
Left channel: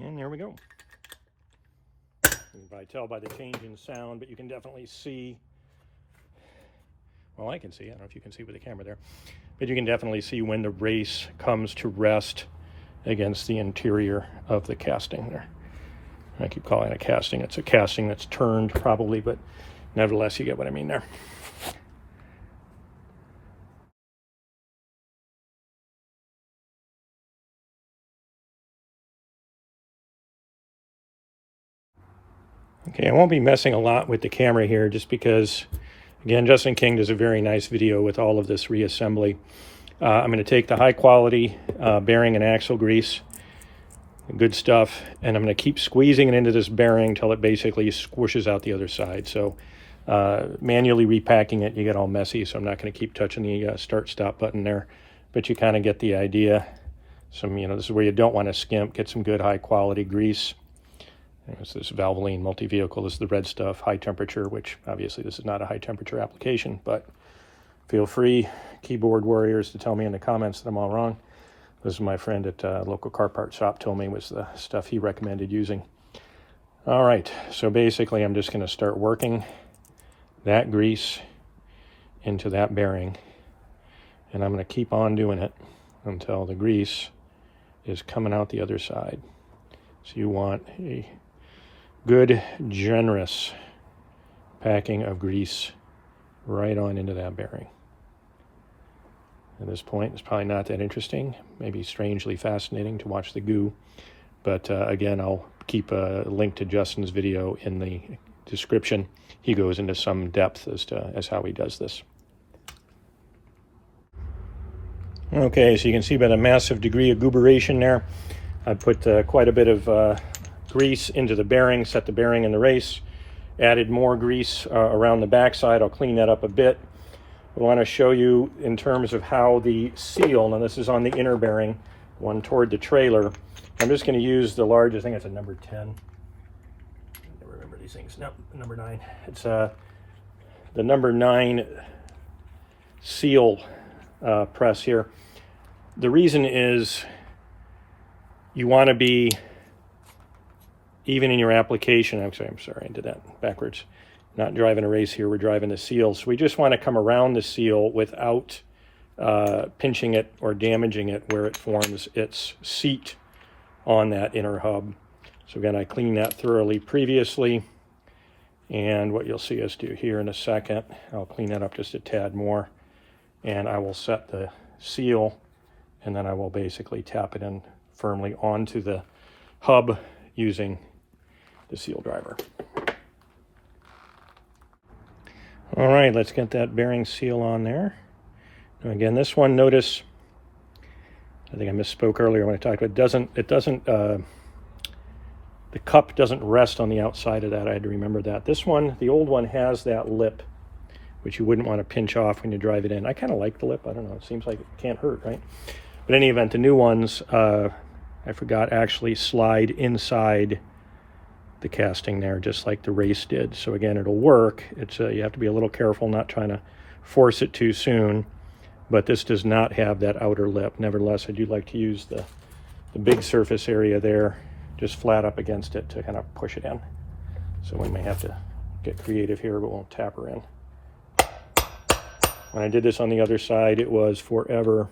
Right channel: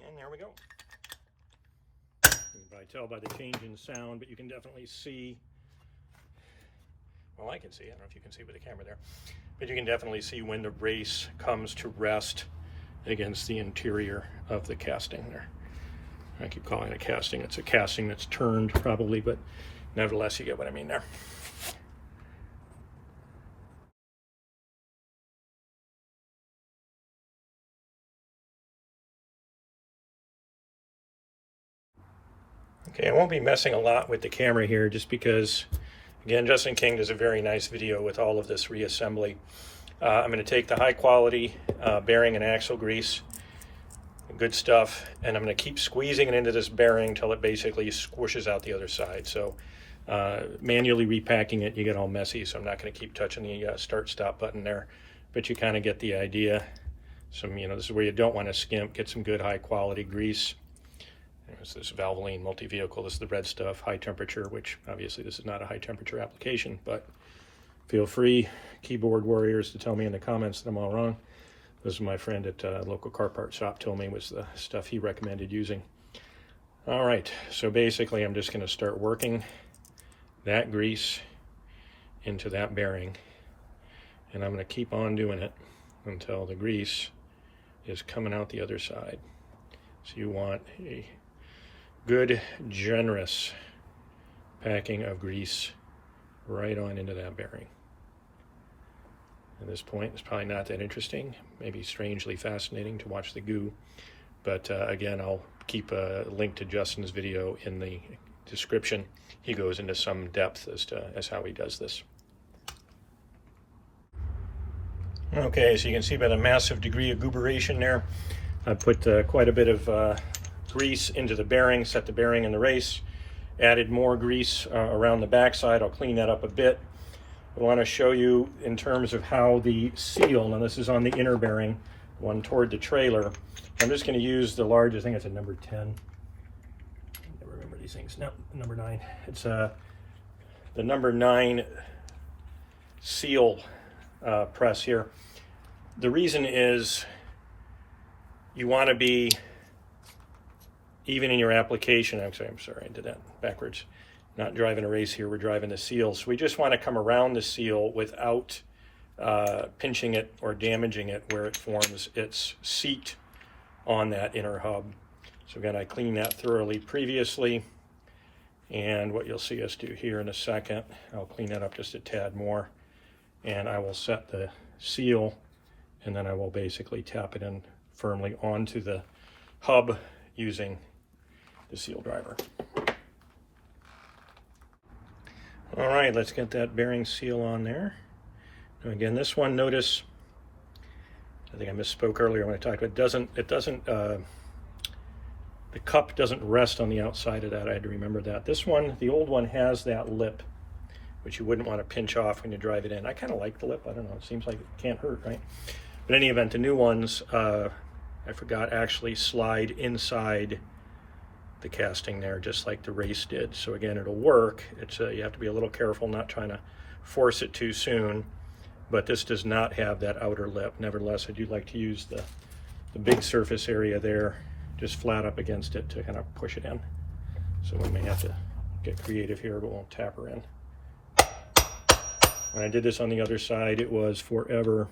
And there we go. You can probably tell by the changing sound, but you can definitely see, well, I can see, I don't know if you can see with the camera there, but you can definitely see when the race comes to rest against the interior of the casting there. I keep calling it a casting. It's a casting that's turned probably, but nevertheless, you get what I mean there. Okay, I won't be messing a lot with the camera here, just because, again, Justin King does a very nice video with all of this reassembly. I'm going to take the high quality bearing and axle grease, good stuff, and I'm going to keep squeezing it into this bearing until it basically squishes out the other side. So manually repacking it, you get all messy, so I'm not going to keep touching the start-stop button there, but you kind of get the idea. This is where you don't want to skimp. Get some good high quality grease. It's this Valvoline multi-vehicle. This is the red stuff, high temperature, which obviously this is not a high temperature application, but feel free, keyboard warriors, to tell me in the comments that I'm all wrong. This is my friend at a local car part shop told me was the stuff he recommended using. All right, so basically I'm just going to start working that grease into that bearing, and I'm going to keep on doing it until the grease is coming out the other side. So you want a good, generous packing of grease right on into that bearing. At this point, it's probably not that interesting, maybe strangely fascinating to watch the goo, but again, I'll keep a link to Justin's video in the description. He goes into some depth as how he does this. Okay, so you can see by the massive degree of gooberation there, I put quite a bit of grease into the bearing, set the bearing in the race, added more grease around the backside. I'll clean that up a bit. I want to show you in terms of how the seal, now this is on the inner bearing, one toward the trailer. I'm just going to use the large, I think it's a number 10. I never remember these things. No, number 9. It's the number 9 seal press here. The reason is you want to be even in your application. I'm sorry, I did that backwards. Not driving a race here, we're driving the seal. So we just want to come around the seal without pinching it or damaging it where it forms its seat on that inner hub. So again, I cleaned that thoroughly previously, and what you'll see us do here in a second, I'll clean that up just a tad more, and I will set the seal, and then I will basically tap it in firmly onto the hub using the seal driver. All right, let's get that bearing seal on there. And again, this one, notice, I think I misspoke earlier when I talked about the cup doesn't rest on the outside of that. I had to remember that. This one, the old one, has that lip, which you wouldn't want to pinch off when you drive it in. I kind of like the lip. I don't know. It seems like it can't hurt, right? But in any event, the new ones, I forgot, actually slide inside the casting there, just like the race did. So again, it'll work. It's you have to be a little careful not trying to force it too soon, but this does not have that outer lip. Nevertheless, I do like to use the big surface area there, just flat up against it to kind of push it in. So we may have to get creative here, but we'll tap her in. When I did this on the other side, it was forever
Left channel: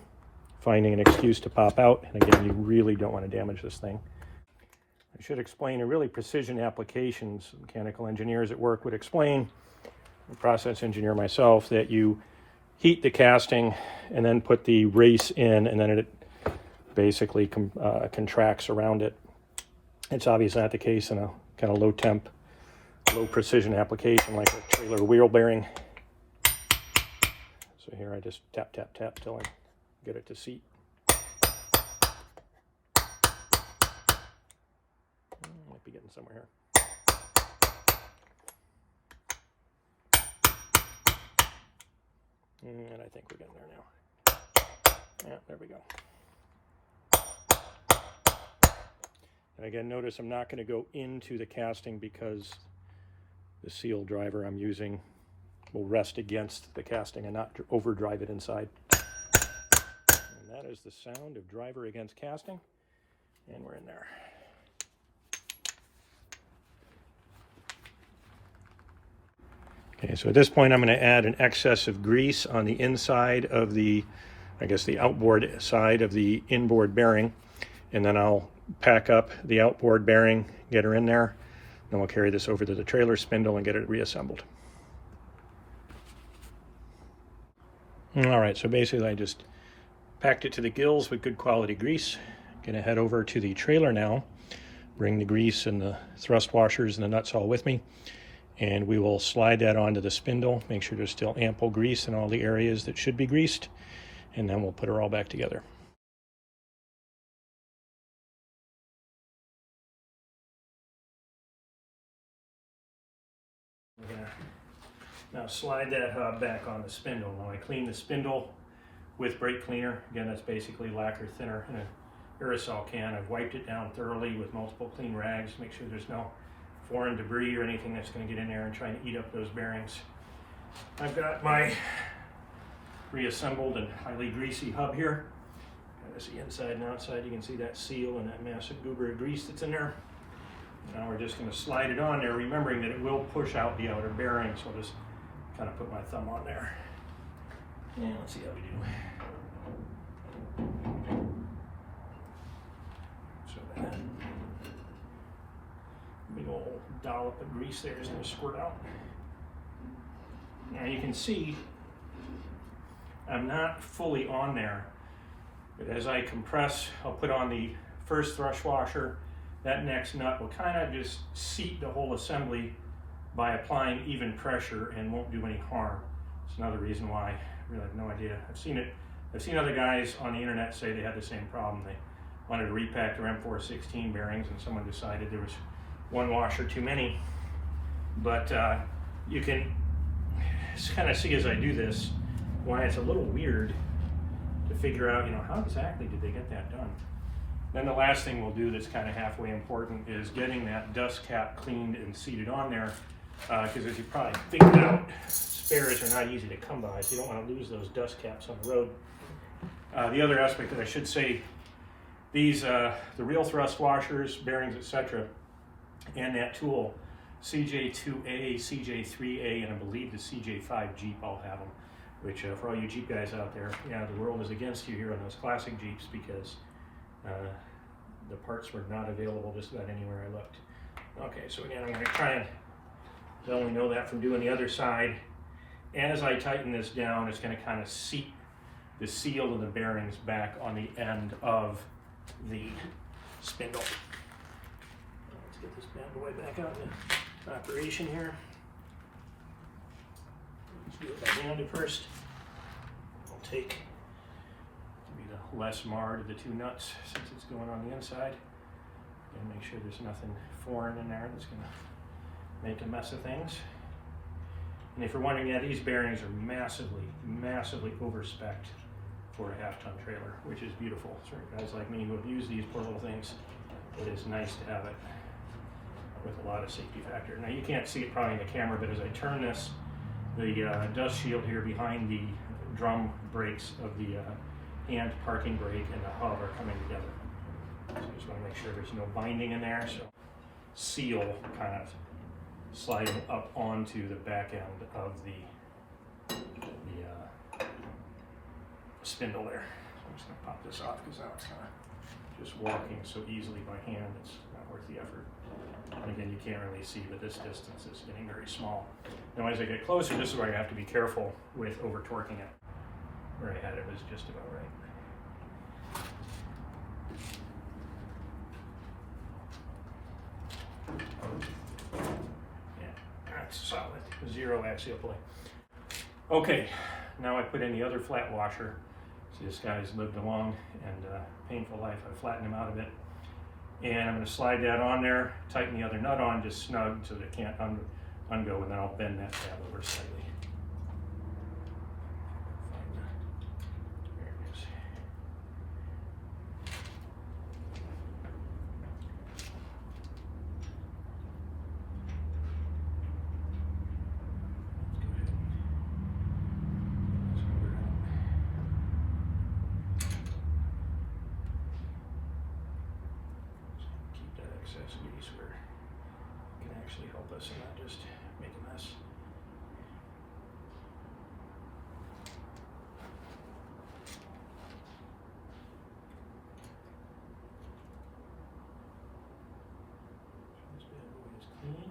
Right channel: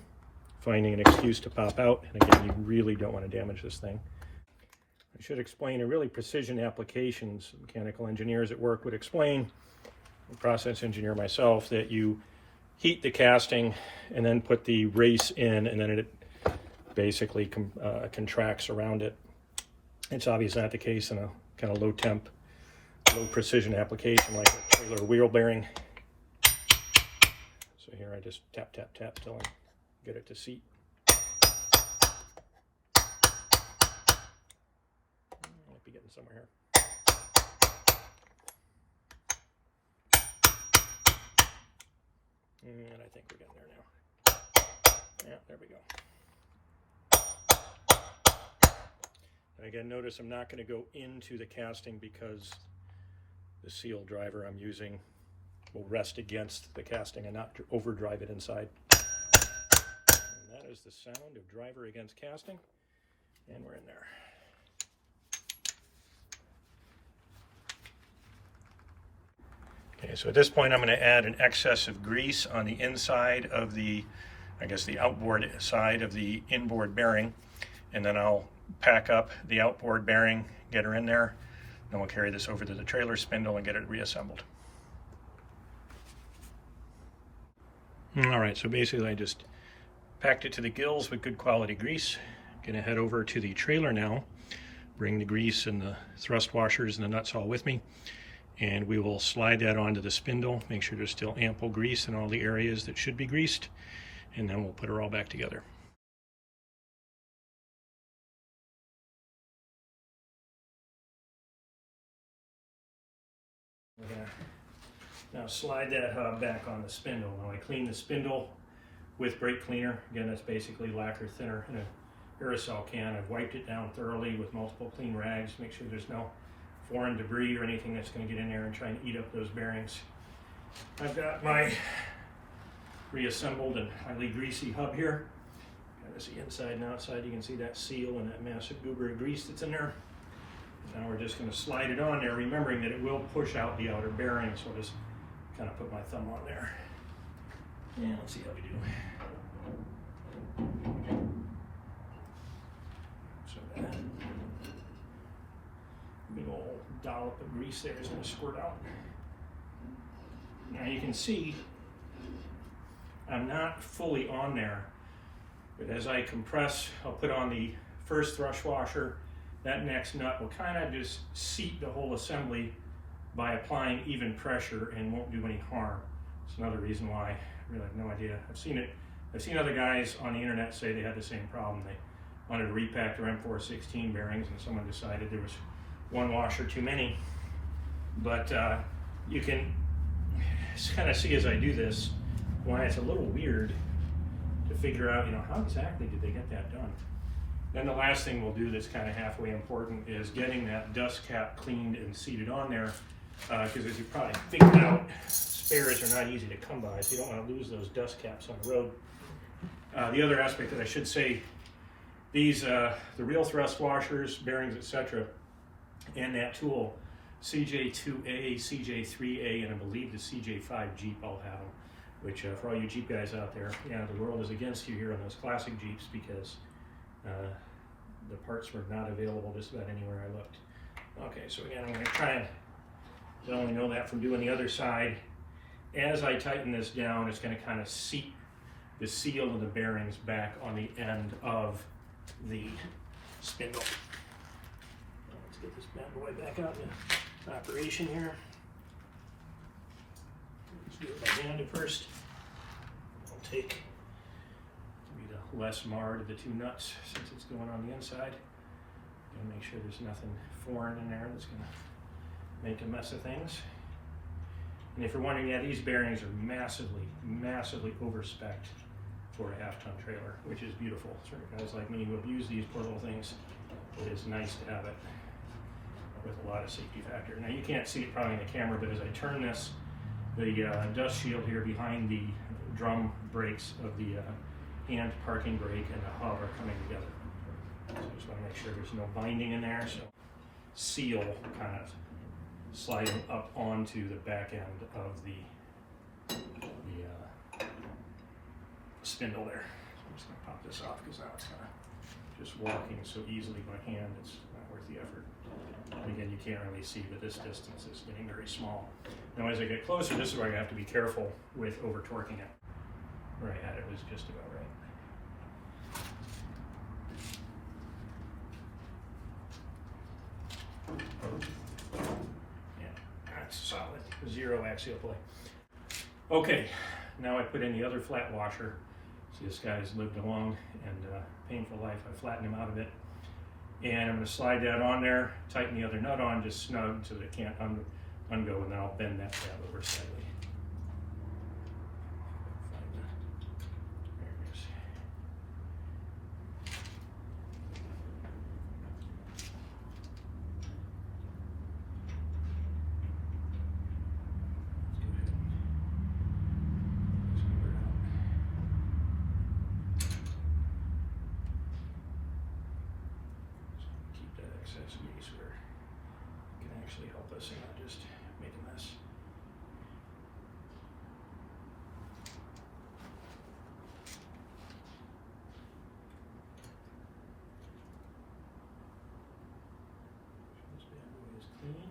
finding an excuse to pop out. And again, you really don't want to damage this thing. I should explain, in really precision applications, mechanical engineers at work would explain, a process engineer myself, that you heat the casting and then put the race in, and then it basically contracts around it. It's obviously not the case in a kind of low temp, low precision application like a trailer wheel bearing. So here I just tap, tap, tap till I get it to seat. Might be getting somewhere here. And I think we're getting there now. Yeah, there we go. And again, notice I'm not going to go into the casting because the seal driver I'm using will rest against the casting and not overdrive it inside. And that is the sound of driver against casting. And we're in there. Okay, so at this point I'm going to add an excess of grease on the inside of the, I guess the outboard side of the inboard bearing, and then I'll pack up the outboard bearing, get her in there, then we'll carry this over to the trailer spindle and get it reassembled. All right, so basically I just packed it to the gills with good quality grease. Gonna head over to the trailer now, bring the grease and the thrust washers and the nuts all with me, and we will slide that onto the spindle, make sure there's still ample grease in all the areas that should be greased, and then we'll put her all back together. We're gonna now slide that hub back on the spindle. Now I clean the spindle with brake cleaner. Again, that's basically lacquer thinner in an aerosol can. I've wiped it down thoroughly with multiple clean rags, make sure there's no foreign debris or anything that's going to get in there and try and eat up those bearings. I've got my reassembled and highly greasy hub here. There's the inside and outside. You can see that seal and that massive goober of grease that's in there. Now we're just going to slide it on there, remembering that it will push out the outer bearing, so I'll just kind of put my thumb on there. And let's see how we do. So that big old dollop of grease there is going to squirt out. Now you can see I'm not fully on there, but as I compress, I'll put on the first thrust washer. That next nut will kind of just seat the whole assembly by applying even pressure and won't do any harm. It's another reason why I really have no idea. I've seen other guys on the internet say they had the same problem. They wanted to repack their M416 bearings and someone decided there was one washer too many. But you can kind of see as I do this why it's a little weird to figure out, how exactly did they get that done? Then the last thing we'll do that's kind of halfway important is getting that dust cap cleaned and seated on there, because as you probably figured out, spares are not easy to come by, so you don't want to lose those dust caps on the road. The other aspect that I should say, these the real thrust washers, bearings, etc., and that tool, CJ2A, CJ3A, and I believe the CJ5 Jeep all have them, which for all you Jeep guys out there, the world is against you here on those classic Jeeps, because the parts were not available just about anywhere I looked. Okay, so again, I'm going to try and not only know that from doing the other side. As I tighten this down, it's going to kind of seat the seal of the bearings back on the end of the spindle. Let's get this bad boy back out in operation here. Let's do it by hand at first. I'll take the less marred of the two nuts since it's going on the inside, and make sure there's nothing foreign in there that's going to make a mess of things. And if you're wondering, these bearings are massively, massively over-spec'd for a half-ton trailer, which is beautiful. So guys like me who have used these poor little things, it is nice to have it with a lot of safety factor. Now you can't see it probably in the camera, but as I turn this, the dust shield here behind the drum brakes of the hand parking brake and the hub are coming together. So I just want to make sure there's no binding in there. So seal kind of sliding up onto the back end of the spindle there. I'm just going to pop this off because now it's kind of just walking so easily by hand. It's not worth the effort. And again, you can't really see, but this distance is getting very small. Now as I get closer, this is where I have to be careful with over torquing it. Where I had it was just about right. Yeah, that's solid. Zero axial play. Okay, now I put in the other flat washer. See, this guy's lived a long and painful life. I flattened him out of it. And I'm going to slide that on there, tighten the other nut on just snug so that it can't ungo, and then I'll bend that tab over slightly. There it is. Accessories where it can actually help us and not just make a mess. This bad boy is clean,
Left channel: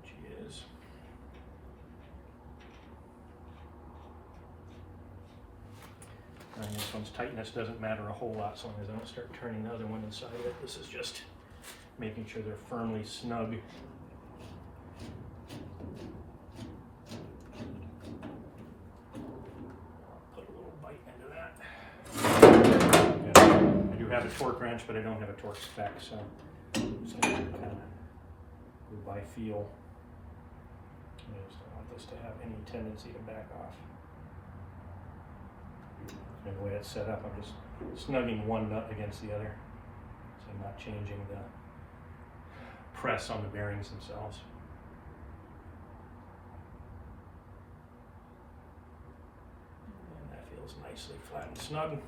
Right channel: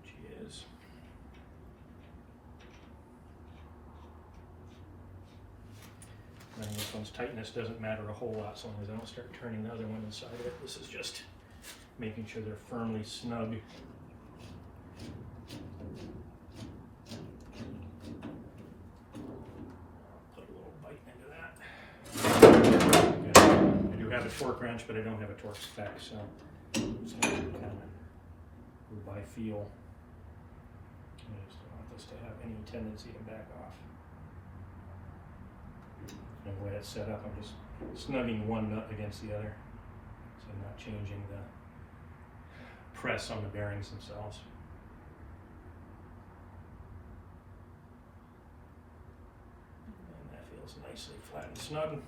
which he is. And this one's tightness doesn't matter a whole lot, so long as I don't start turning the other one inside of it. This is just making sure they're firmly snug. Put a little bite into that. I do have a torque wrench, but I don't have a torque spec, so I'm just going to kind of go by feel. I just don't want this to have any tendency to back off. And the way it's set up, I'm just snugging one nut against the other, so I'm not changing the press on the bearings themselves. And that feels nicely flat and snug.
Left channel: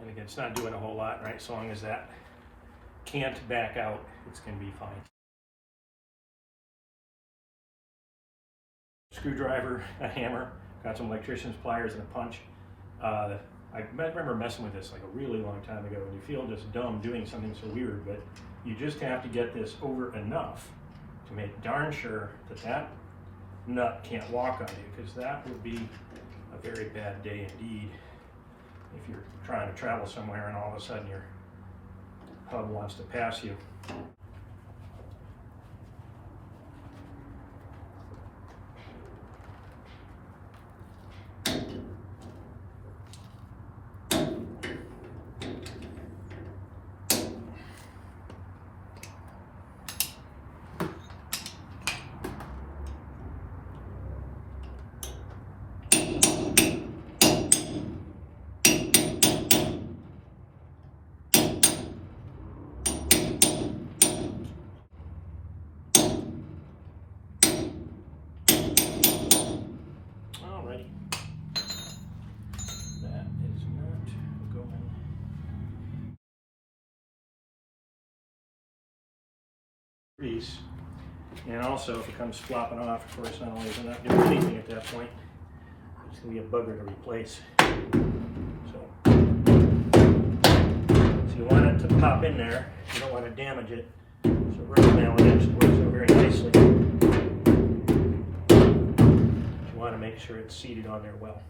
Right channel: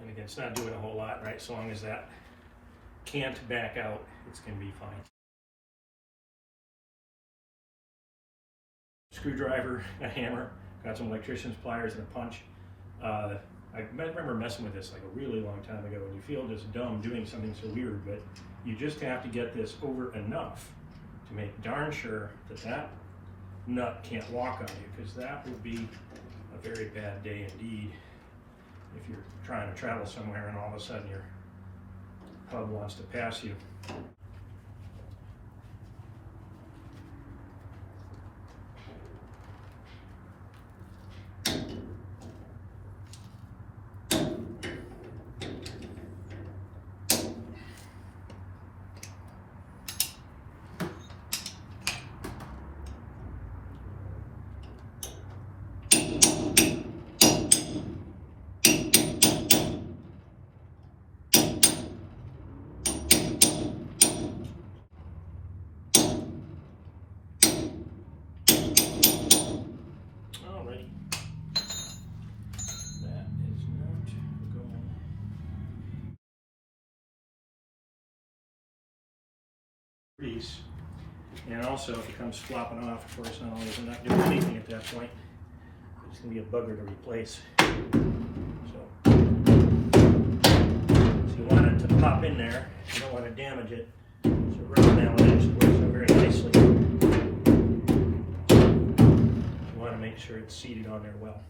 And again, it's not doing a whole lot, right? So long as that can't back out, it's going to be fine. Screwdriver, a hammer, got some electrician's pliers and a punch. I remember messing with this like a really long time ago, and you feel just dumb doing something so weird, but you just have to get this over enough to make darn sure that that nut can't walk on you, because that would be a very bad day indeed if you're trying to travel somewhere and all of a sudden your hub wants to pass you. Grease. And also, if it comes flopping off, of course, not only is it not doing anything at that point, it's going to be a bugger to replace. So you want it to pop in there, you don't want to damage it. So rubber mallet actually works out very nicely. You want to make sure it's seated on there well.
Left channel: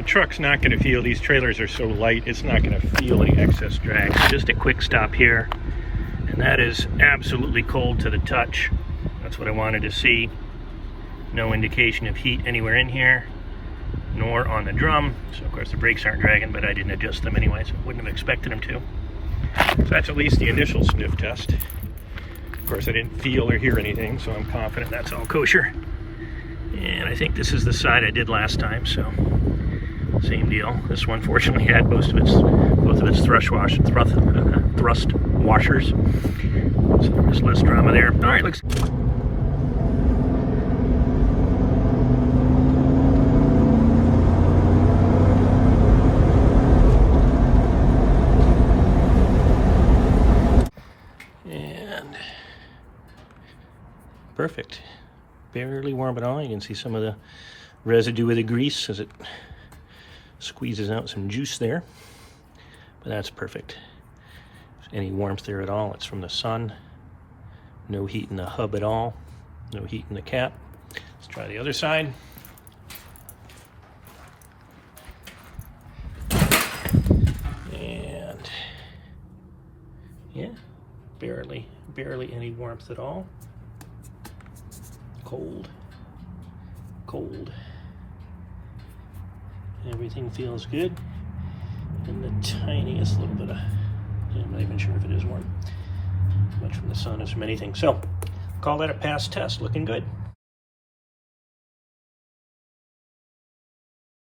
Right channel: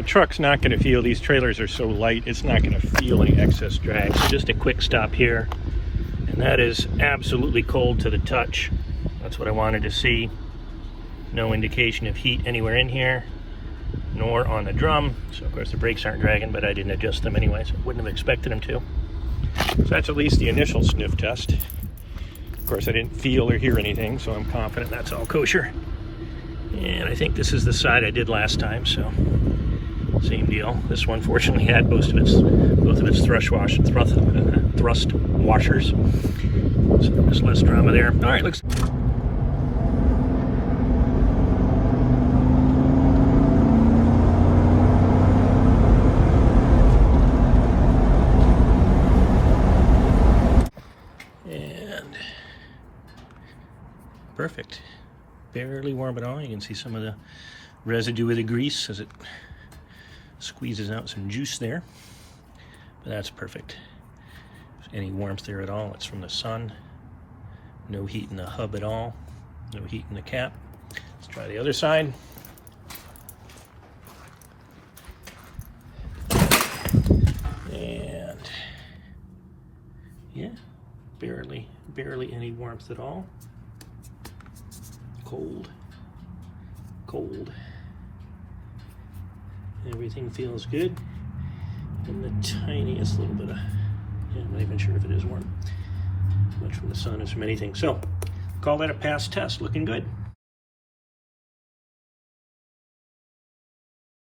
The truck's not going to feel, these trailers are so light, it's not going to feel any excess drag. So just a quick stop here, and that is absolutely cold to the touch. That's what I wanted to see. No indication of heat anywhere in here, nor on the drum. So of course the brakes aren't dragging, but I didn't adjust them anyway, so I wouldn't have expected them to. So that's at least the initial sniff test. Of course I didn't feel or hear anything, so I'm confident that's all kosher. And I think this is the side I did last time, so same deal. This one fortunately had both of its thrust washers, so there's less drama there. All right, looks. And perfect. Barely warm at all. You can see some of the residue of the grease as it squeezes out some juice there, but that's perfect. If any warmth there at all, it's from the sun. No heat in the hub at all, no heat in the cap. Let's try the other side. And yeah, barely any warmth at all. Cold. Everything feels good. And the tiniest little bit of, yeah, I'm not even sure if it is warm. Much from the sun as from anything. So, call that a pass test. Looking good.